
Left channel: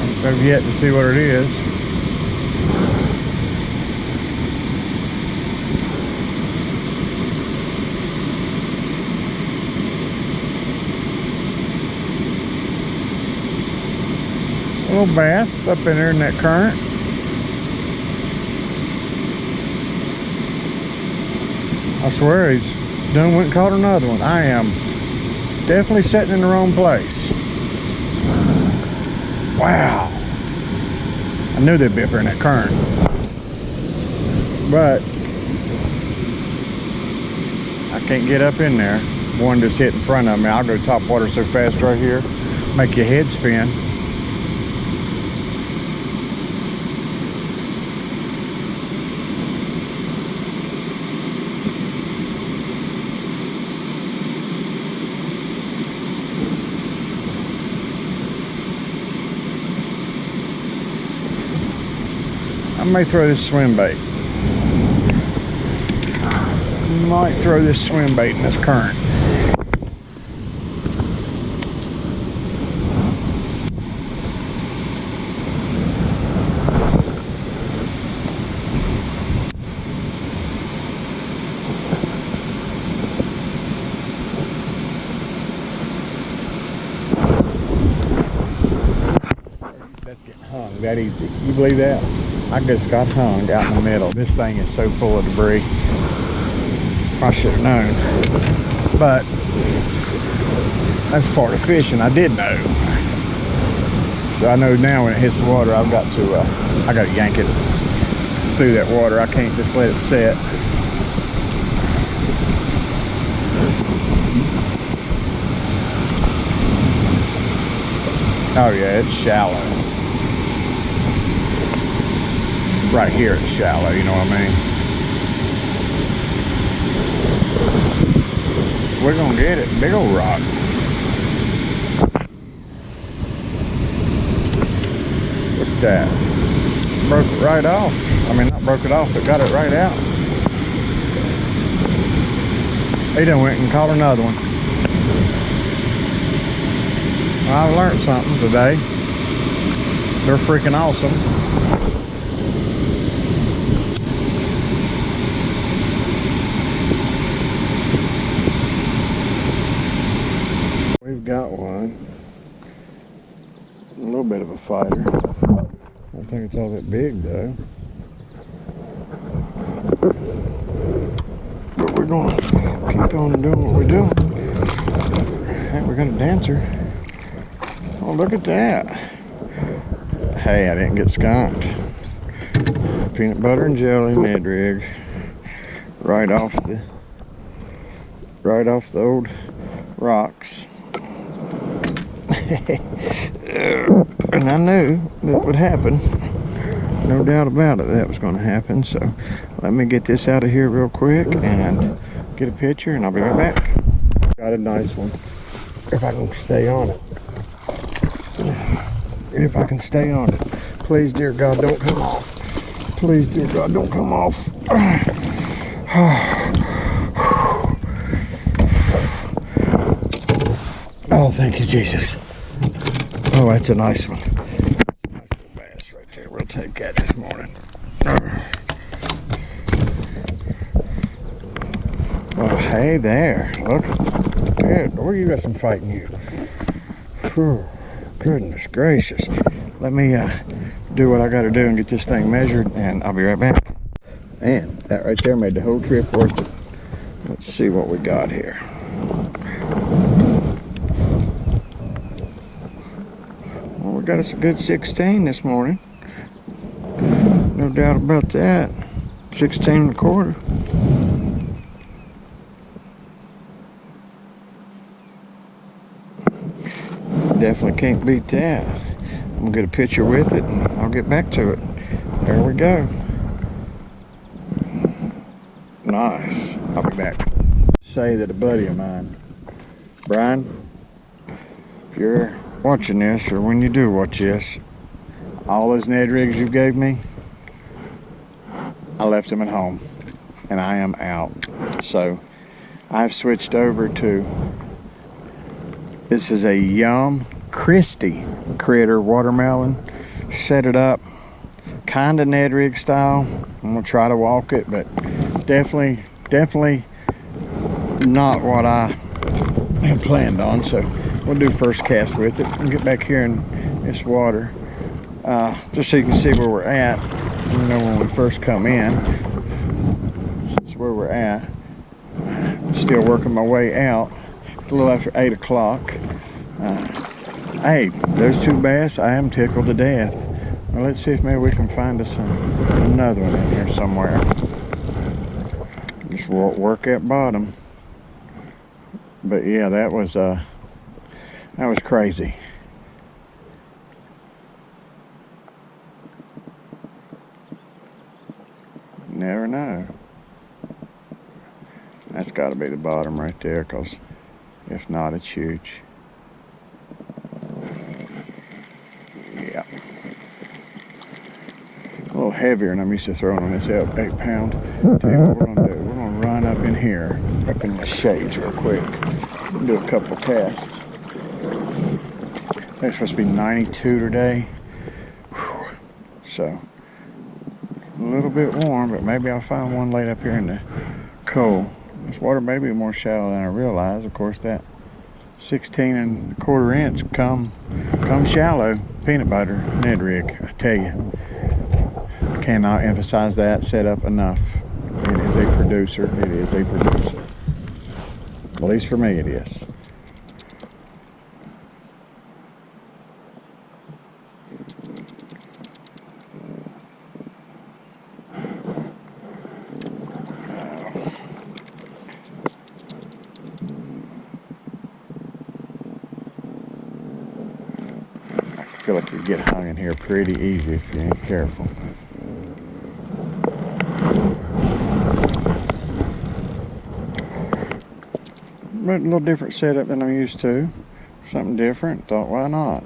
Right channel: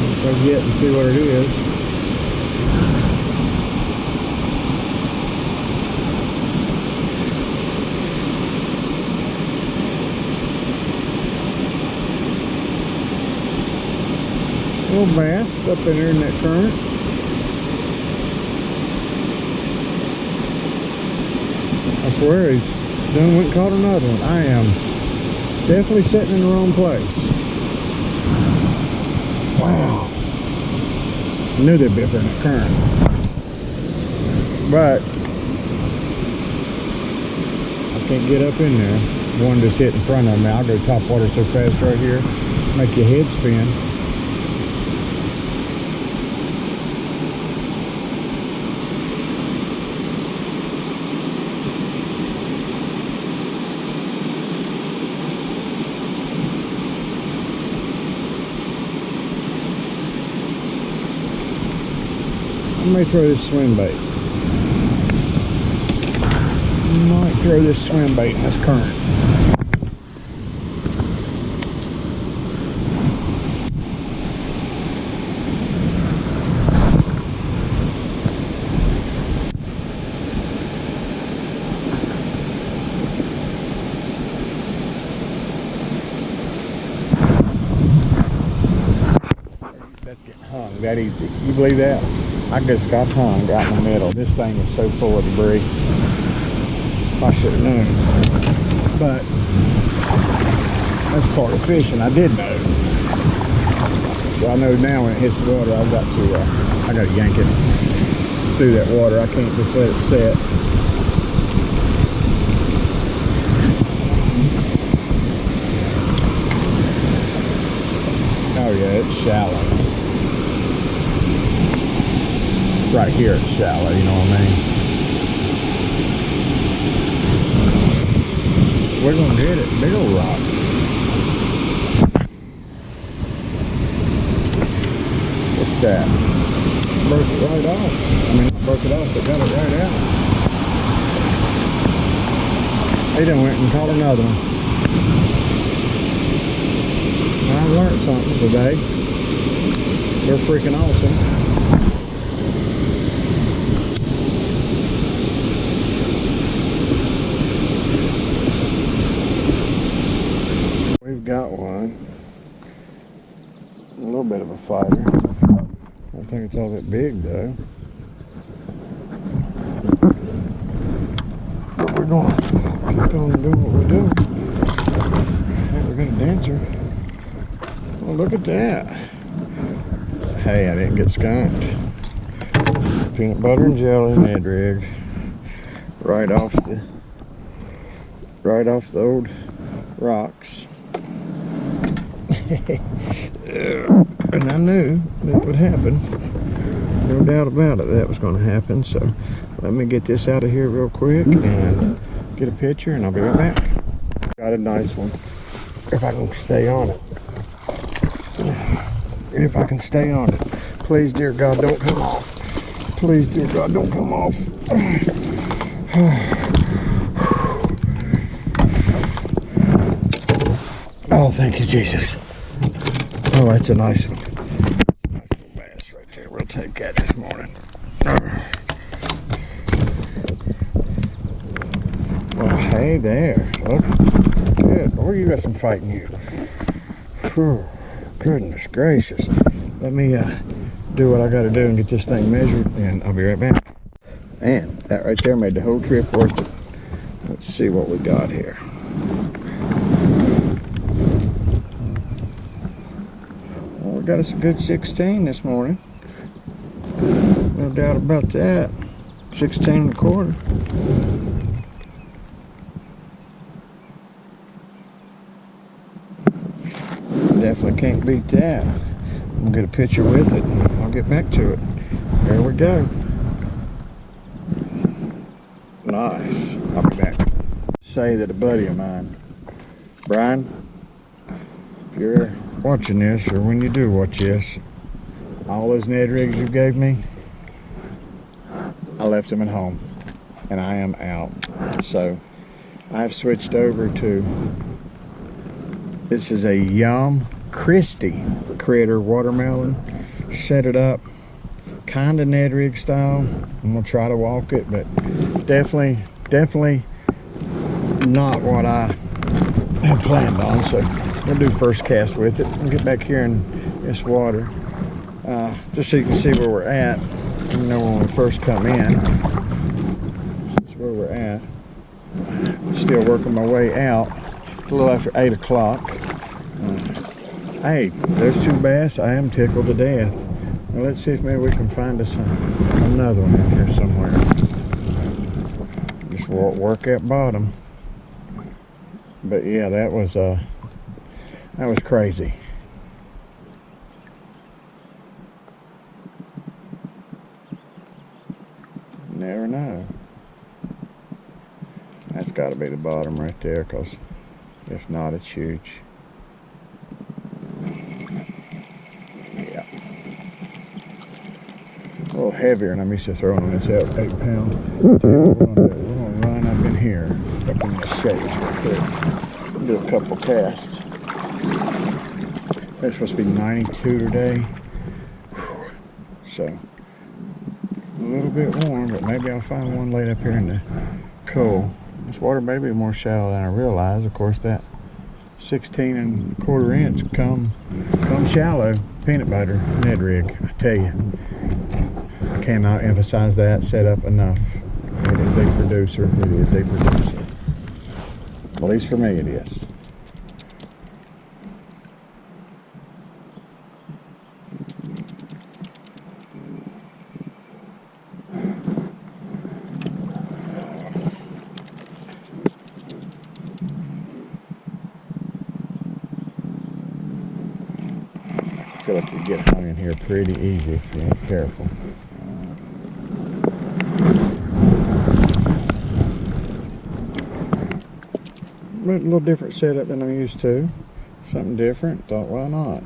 Let's go get and see what it is. Little bass up in there in that current. I swear he's done went and caught another one. I am definitely sitting in the wrong place. Wow. I knew they'd be up there in that current. But I can't get up in there. One just hit in front of me. I'll go top water so fast right here. Make your head spin. I may throw this swim bait. Might throw this swim bait in this current. That's getting hung that easy. You believe that? I just got hung out in the middle. This thing is so full of debris. I should have known. But that's part of fishing. I did know. So I know now when it hits the water, I've got to I got to yank it through that water. I can't just let it set. Oh yeah, it's shallow. Right here it's shallow, you know what I mean? We're gonna get it. Big old rock. What's that? Broke it right off. I mean, not broke it off, but got it right out. He done went and caught another one. I've learned something today. They're freaking awesome. got one. A little bit of a fighter. I don't think it's all that big though. But we're going to keep on doing what we're doing. Hey, we got a dancer. Oh, look at that. Hey, I didn't get skunked. Peanut butter and jelly Ned rig. Right off the old rocks. And I knew that would happen. No doubt about it, that was going to happen. So let me get this out of here real quick and get a picture, and I'll be right back. Got a nice one. If I can stay on it. If I can stay on it. Please, dear God, don't come off. Please, dear God, don't come off. Oh, thank you, Jesus. Oh, that's a nice one. Nice little bass right there. We'll take that this morning. Well, hey there. Look. Good. Oh, you got some fight in you. Whew. Goodness gracious. Let me do what I got to do and get this thing measured, and I'll be right back. And that right there made the whole trip worth it. Let's see what we got here. Well, we got us a good 16 this morning. No doubt about that. 16 and a quarter. Definitely can't beat that. I'm gonna get a picture with it and I'll get back to it. There we go. Nice. I'll be back. Say that a buddy of mine, Brian, if you're watching this, or when you do watch this, all those Ned rigs you gave me, I left them at home and I am out. So I've switched over to, this is a Yum Christie critter watermelon. Set it up kind of Ned rig style. I'm gonna try to walk it, but definitely not what I had planned on. So we'll do first cast with it and get back here in this water, just so you can see where we're at. You know, when we first come in, this is where we're at. Still working my way out. It's a little after 8 o'clock. Hey, those two bass, I am tickled to death. Well, let's see if maybe we can find us another one in here somewhere. Just work at bottom. But yeah, that was crazy. Never know. That's got to be the bottom right there, because if not, it's huge. Yeah. A little heavier than I'm used to throwing on this 8 pound. Tell you what we're going to do. We're going to run up in here, up in the shades real quick. Do a couple casts. I think it's supposed to be 92 today. Whew. So, a little bit warm, but maybe I'll find one laid up here in the coal. This water may be more shallow than I realize. Of course, that 16 and a quarter inch come shallow peanut butter Ned rig. I tell you, I cannot emphasize that setup enough. It is a producer. It is a producer. At least for me, it is. I feel like you get hung in here pretty easy if you ain't careful. But a little different setup than I'm used to. Something different. Thought, why not?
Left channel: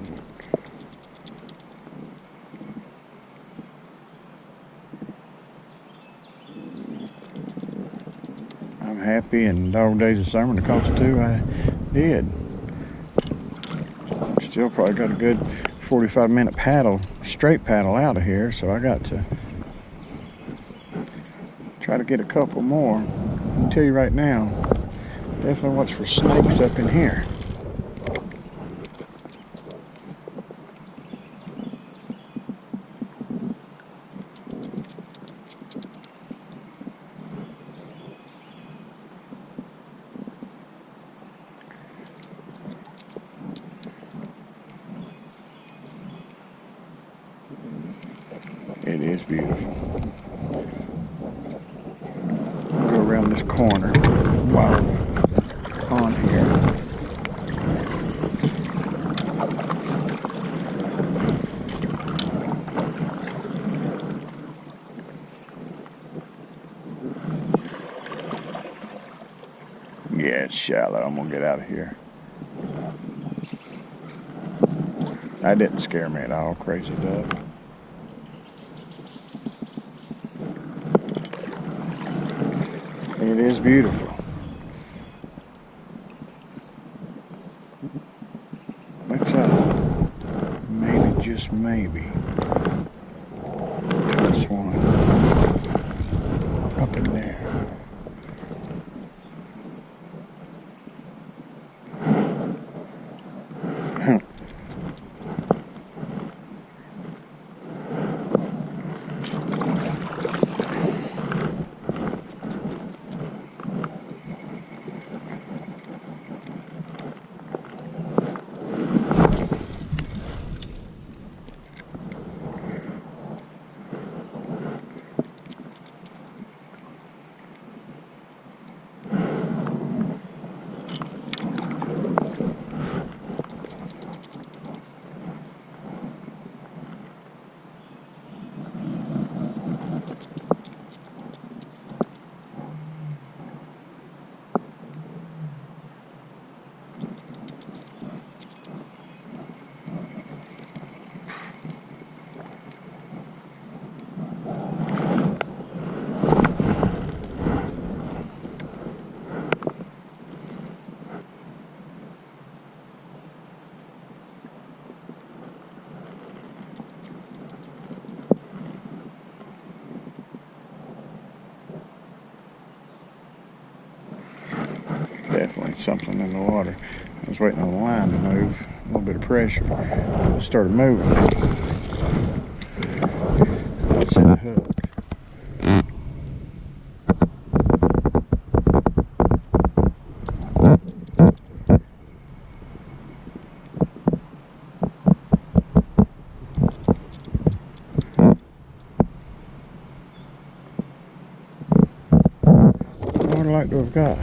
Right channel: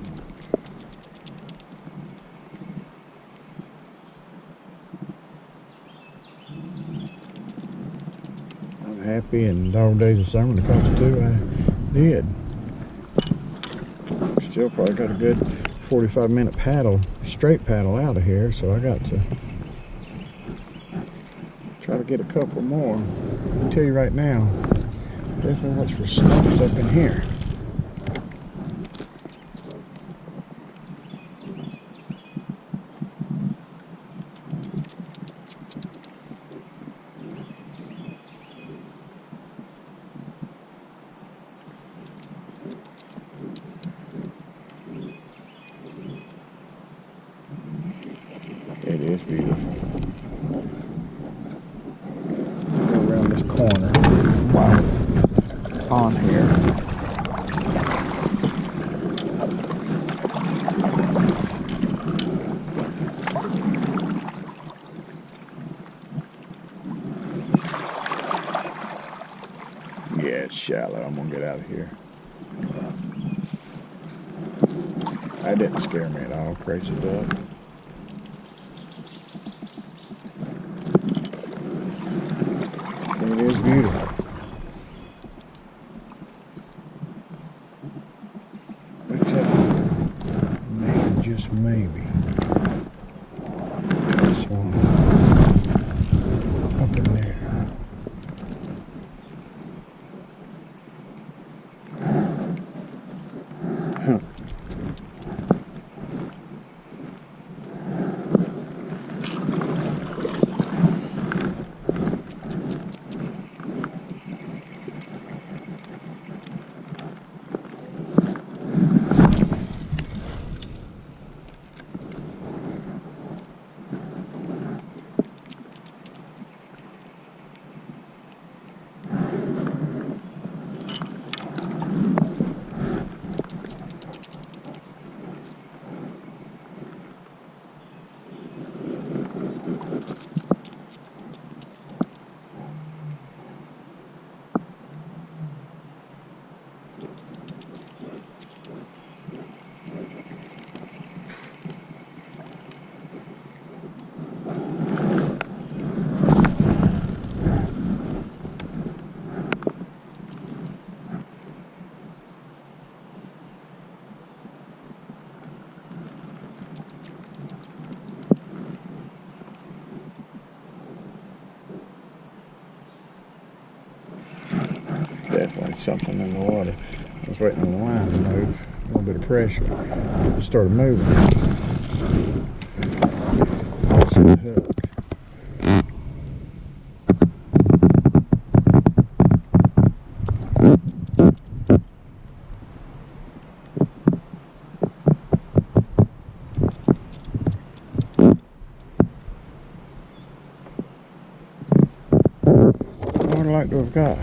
I'm happy, and dog days of summer to caught the two I did. Still probably got a good 45-minute paddle, straight paddle out of here, so I got to try to get a couple more. I can tell you right now, definitely watch for snakes up in here. beautiful. We'll go around this corner while we're on here. Yeah, it's shallow. I'm gonna get out of here. That didn't scare me at all, crazy duck. It is beautiful. Let's maybe, just maybe, toss one up in there. Definitely something in the water. I was waiting on the line to move, a little bit of pressure. It started moving. I'll set a hook. I would like to have got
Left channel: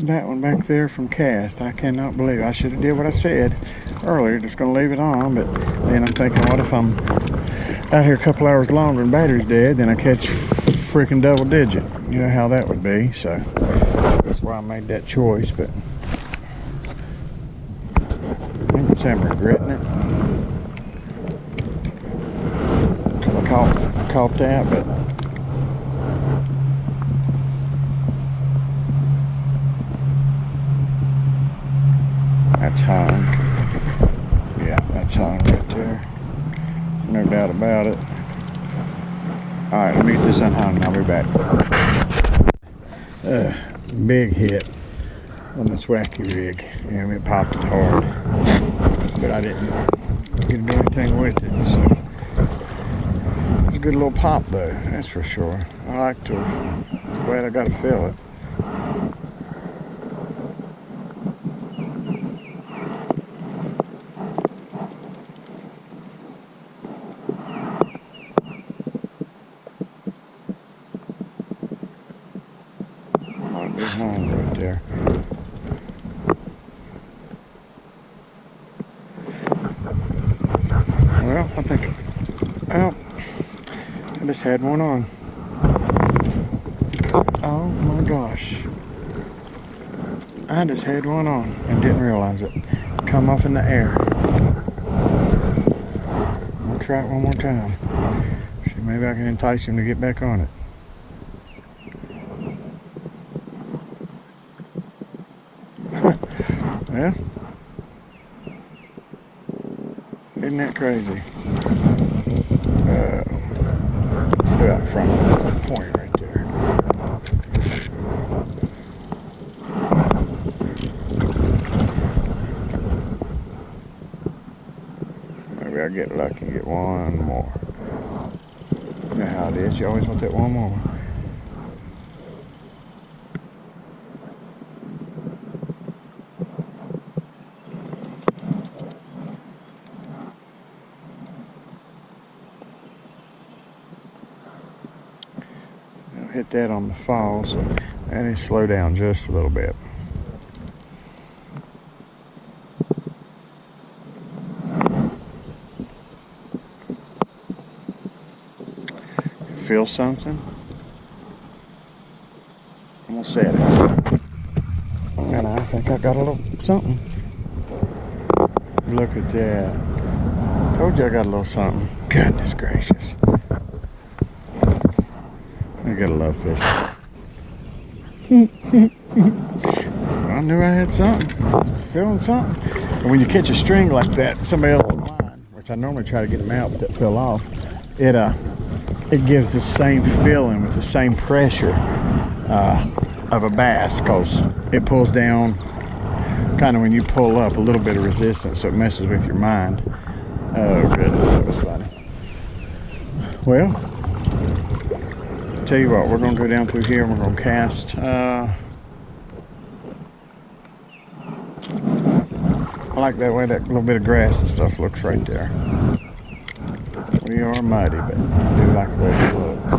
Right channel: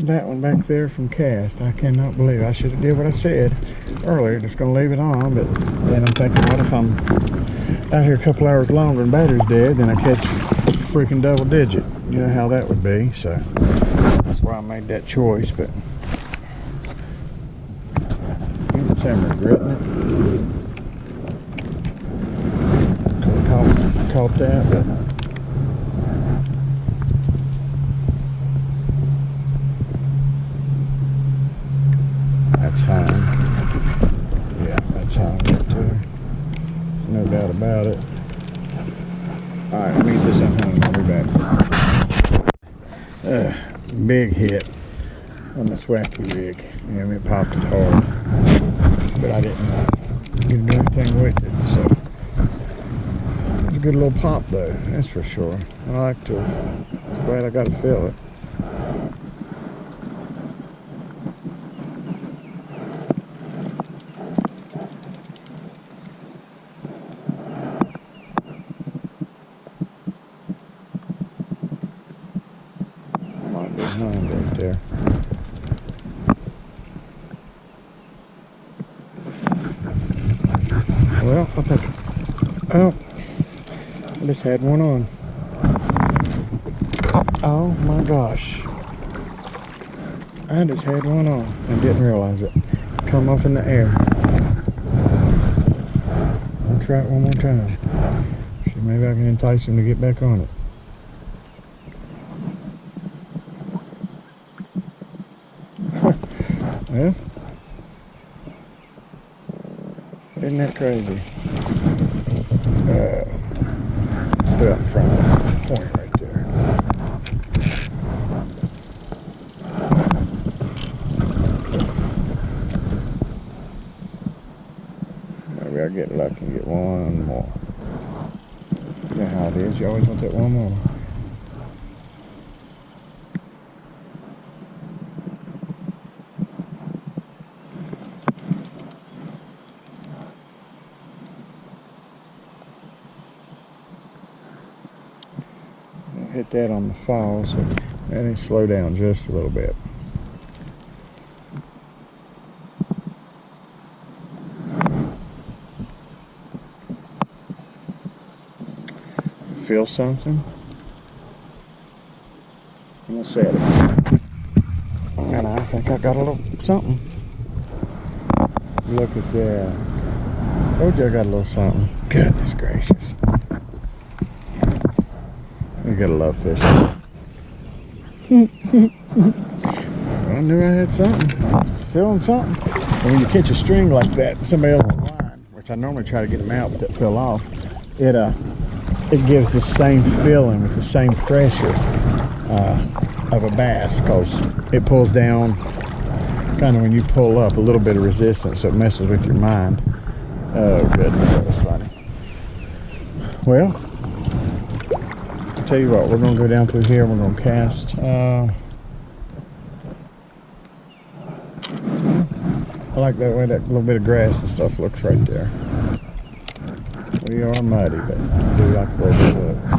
that one back there from cast. I cannot believe I should have did what I said earlier, just gonna leave it on, but then I'm thinking, what if I'm out here a couple hours longer and battery's dead, then I catch freaking double digit. You know how that would be, so that's why I made that choice. But I think it's I'm regretting it, because I caught that, but that's hung. Yeah, that's hung right there. No doubt about it. Alright, let me get this unhung and I'll be back. Big hit on this wacky rig. It popped it hard. But I didn't get to do anything with it, so. It's a good little pop though, that's for sure. I was glad I got to feel it. Might be hung right there. Well, I think, oh, I just had one on. Oh my gosh. I just had one on and didn't realize it. Come off in the air. I'll try it one more time. See, maybe I can entice him to get back on it. Well, isn't that crazy? Still out in front of that point right there. Maybe I'll get lucky and get one more. You know how it is, you always want that one more. hit that on the fall, so let me slow down just a little bit. You feel something? I'm gonna set it. And I think I got a little something. Look at that. Told you I got a little something. Goodness gracious. I gotta love fishing. Well, I knew I had something. I was feeling something. And when you catch a string like that, somebody else's line, which I normally try to get them out, but that fell off, it gives the same feeling with the same pressure of a bass, because it pulls down kind of when you pull up, a little bit of resistance, so it messes with your mind. Oh goodness, that was funny. Well, I'll tell you what, we're going to go down through here and we're going to cast. I like that way that little bit of grass and stuff looks right there. We are muddy, but I do like the way it looks.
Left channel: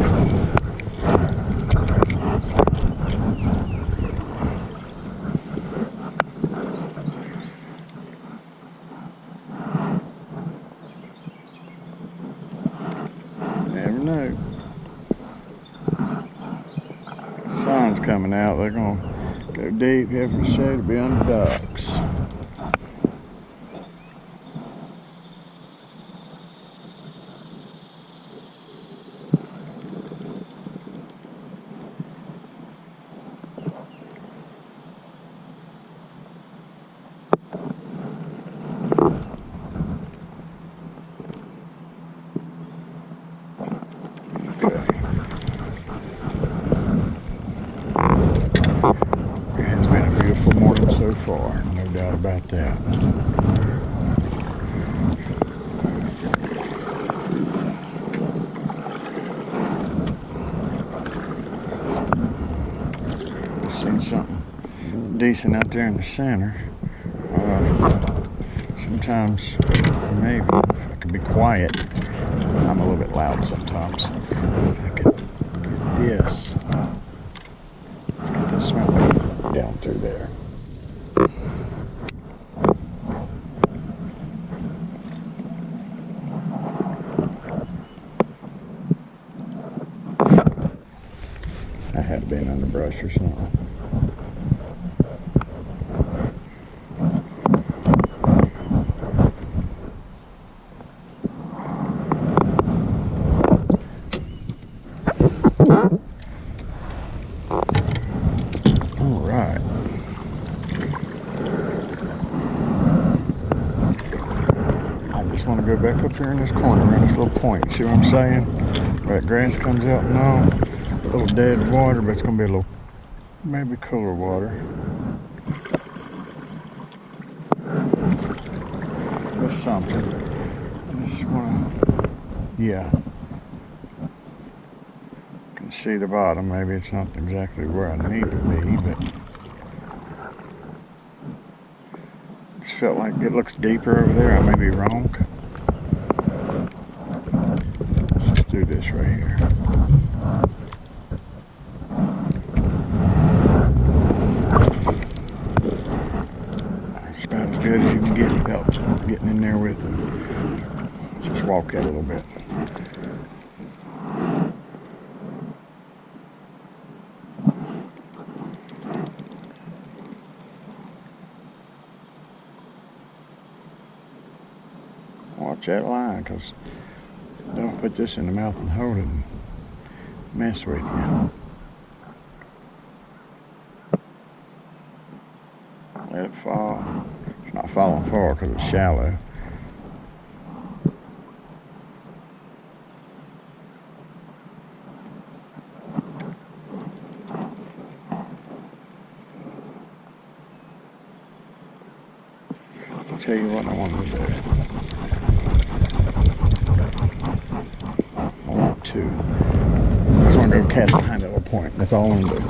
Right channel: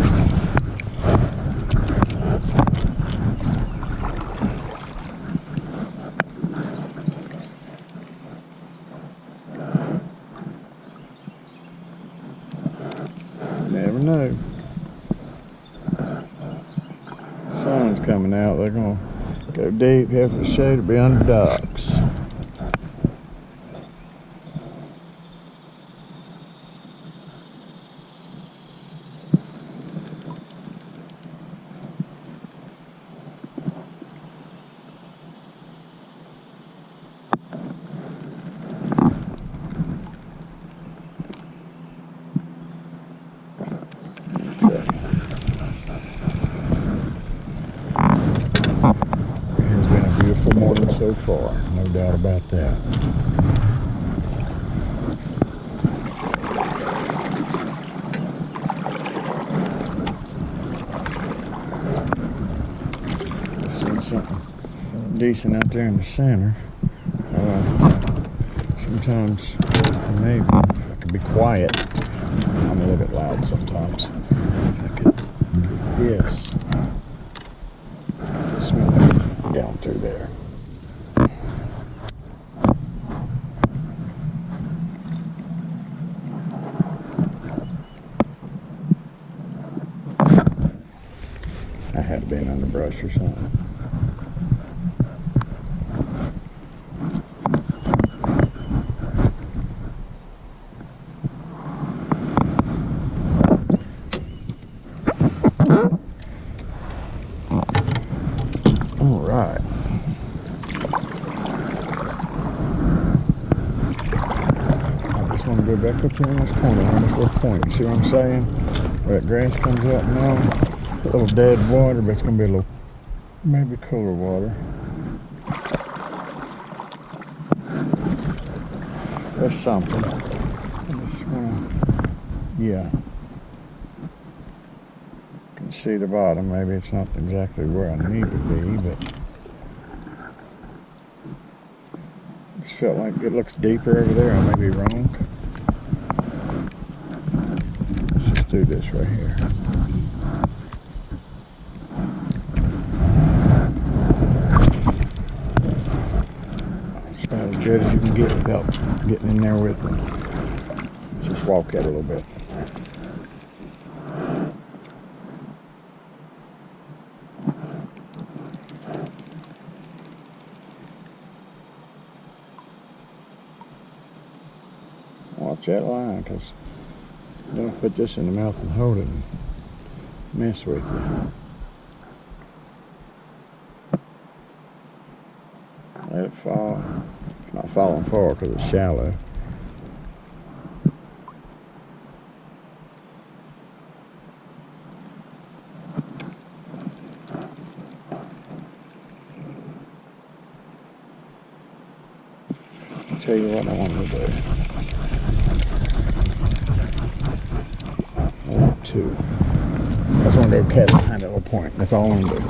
Never know. Sun's coming out. They're going to go deep, head for the shade, or be under ducks. Okay. It has been a beautiful morning so far, no doubt about that. I've seen something decent out there in the center. Sometimes, maybe, if I could be quiet. I'm a little bit loud sometimes. If I could get this. Let's get this swim bait down through there. I have been on the brush or something. All right. I just want to go back up here in this corner around this little point. You see what I'm saying? Where that grass comes out and all. A little dead water, but it's going to be a little, maybe cooler water. That's something. I just want to, yeah. Can see the bottom. Maybe it's not exactly where I need to be, but it felt like it looks deeper over there. I may be wrong. Let's just do this right here. It's about as good as you can get without getting in there with them. Let's just walk that a little bit. Watch that line, because they'll put this in the mouth and hold it and mess with you. Let it fall. It's not falling far because it's shallow. I'll tell you what I want to do. I just want to go cast behind that little point. That's all I want to do.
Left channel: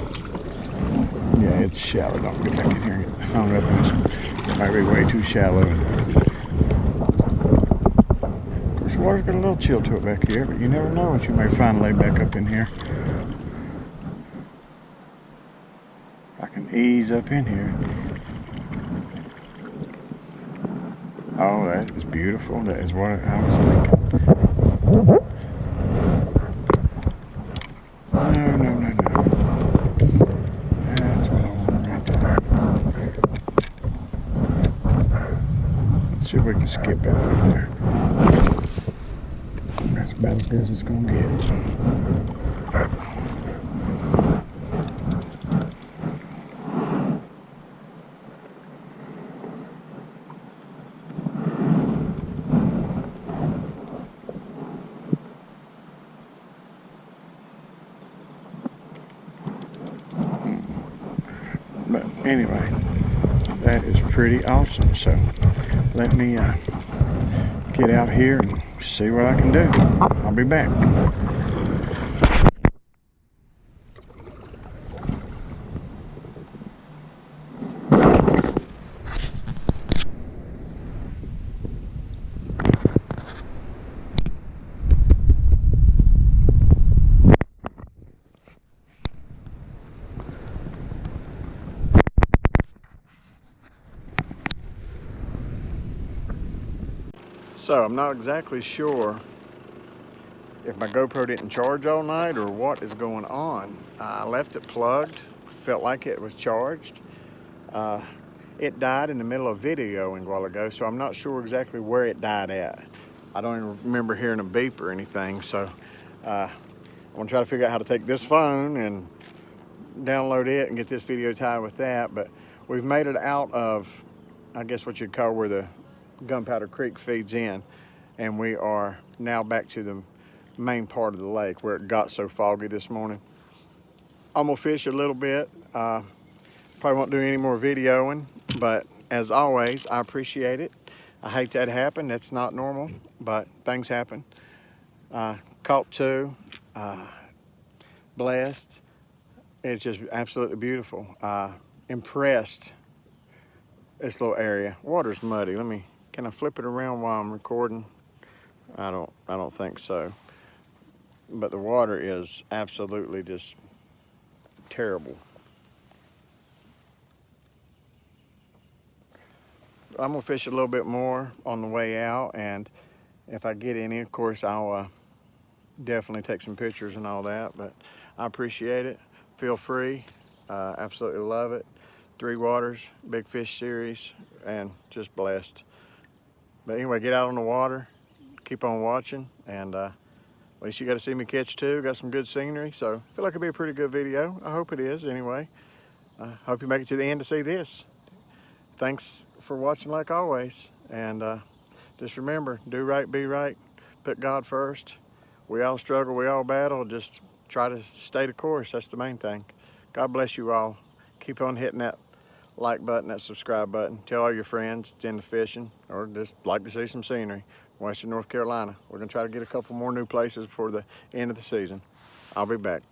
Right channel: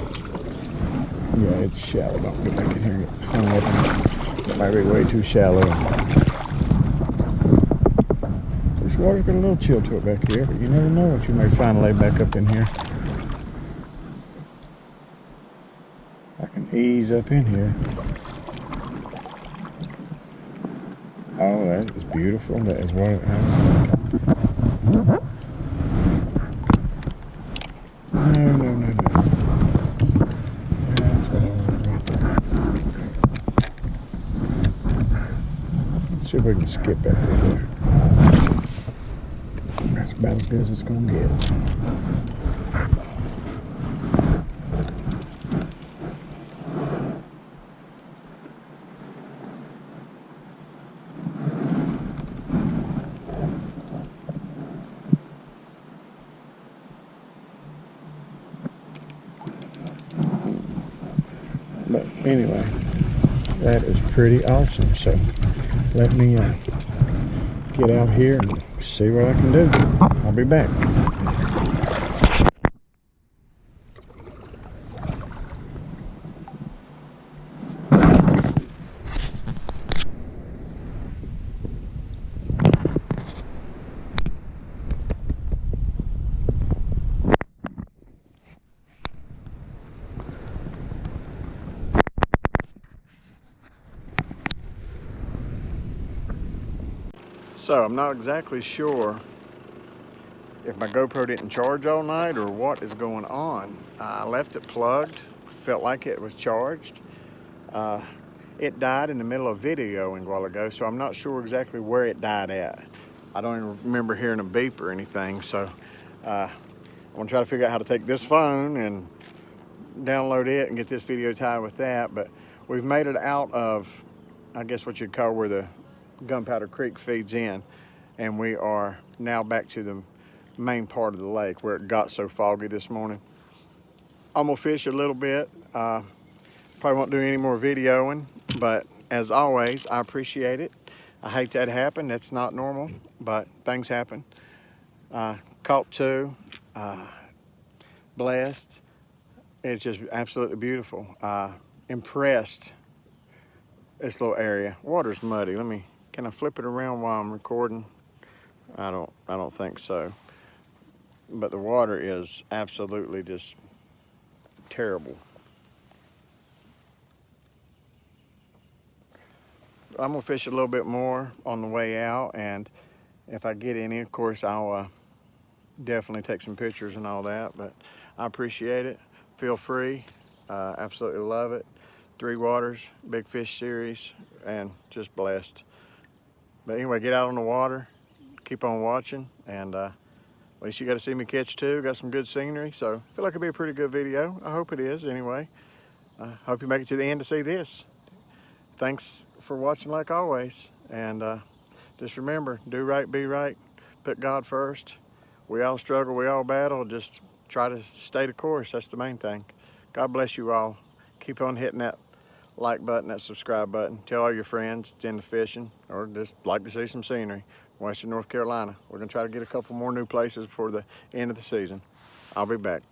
Yeah, it's shallow. Don't get back in here and get hung up in it. It might be way too shallow. Of course, the water's got a little chill to it back here, but you never know what you may find laid back up in here. ease up in here. Oh, that is beautiful. That is what I was thinking. No, no, no, no. That's what I want right there. Let's see if we can skip that through there. That's about as good as it's gonna get. But anyway, that is pretty awesome. So let me get out here and see what I can do. I'll be back. So I'm not exactly sure if my GoPro didn't charge all night or what is going on. I left it plugged, felt like it was charged. It died in the middle of videoing a while ago, so I'm not sure exactly where it died at. I don't even remember hearing a beep or anything, so I'm gonna try to figure out how to take this phone and download it and get this video tied with that. But we've made it out of, I guess what you'd call where the Gunpowder Creek feeds in, and we are now back to the main part of the lake where it got so foggy this morning. I'm gonna fish a little bit. Probably won't do any more videoing, but as always, I appreciate it. I hate that happened. That's not normal, but things happen. Caught two, blessed. It's just absolutely beautiful. Impressed. This little area. Water's muddy. Can I flip it around while I'm recording? I don't think so. But the water is absolutely just terrible. I'm gonna fish a little bit more on the way out, and if I get any, of course, I'll definitely take some pictures and all that. But I appreciate it. Feel free. Absolutely love it. Three Waters, Big Fish Series, and just blessed. But anyway, get out on the water, keep on watching, and at least you got to see me catch two. Got some good scenery, so I feel like it'll be a pretty good video. I hope it is anyway. I hope you make it to the end to see this. Thanks for watching like always, and just remember, do right, be right, put God first. We all struggle, we all battle, just try to stay the course. That's the main thing. God bless you all. Keep on hitting that like button, that subscribe button. Tell all your friends it's into fishing or just like to see some scenery. Western North Carolina. We're gonna try to get a couple more new places before the end of the season. I'll be back.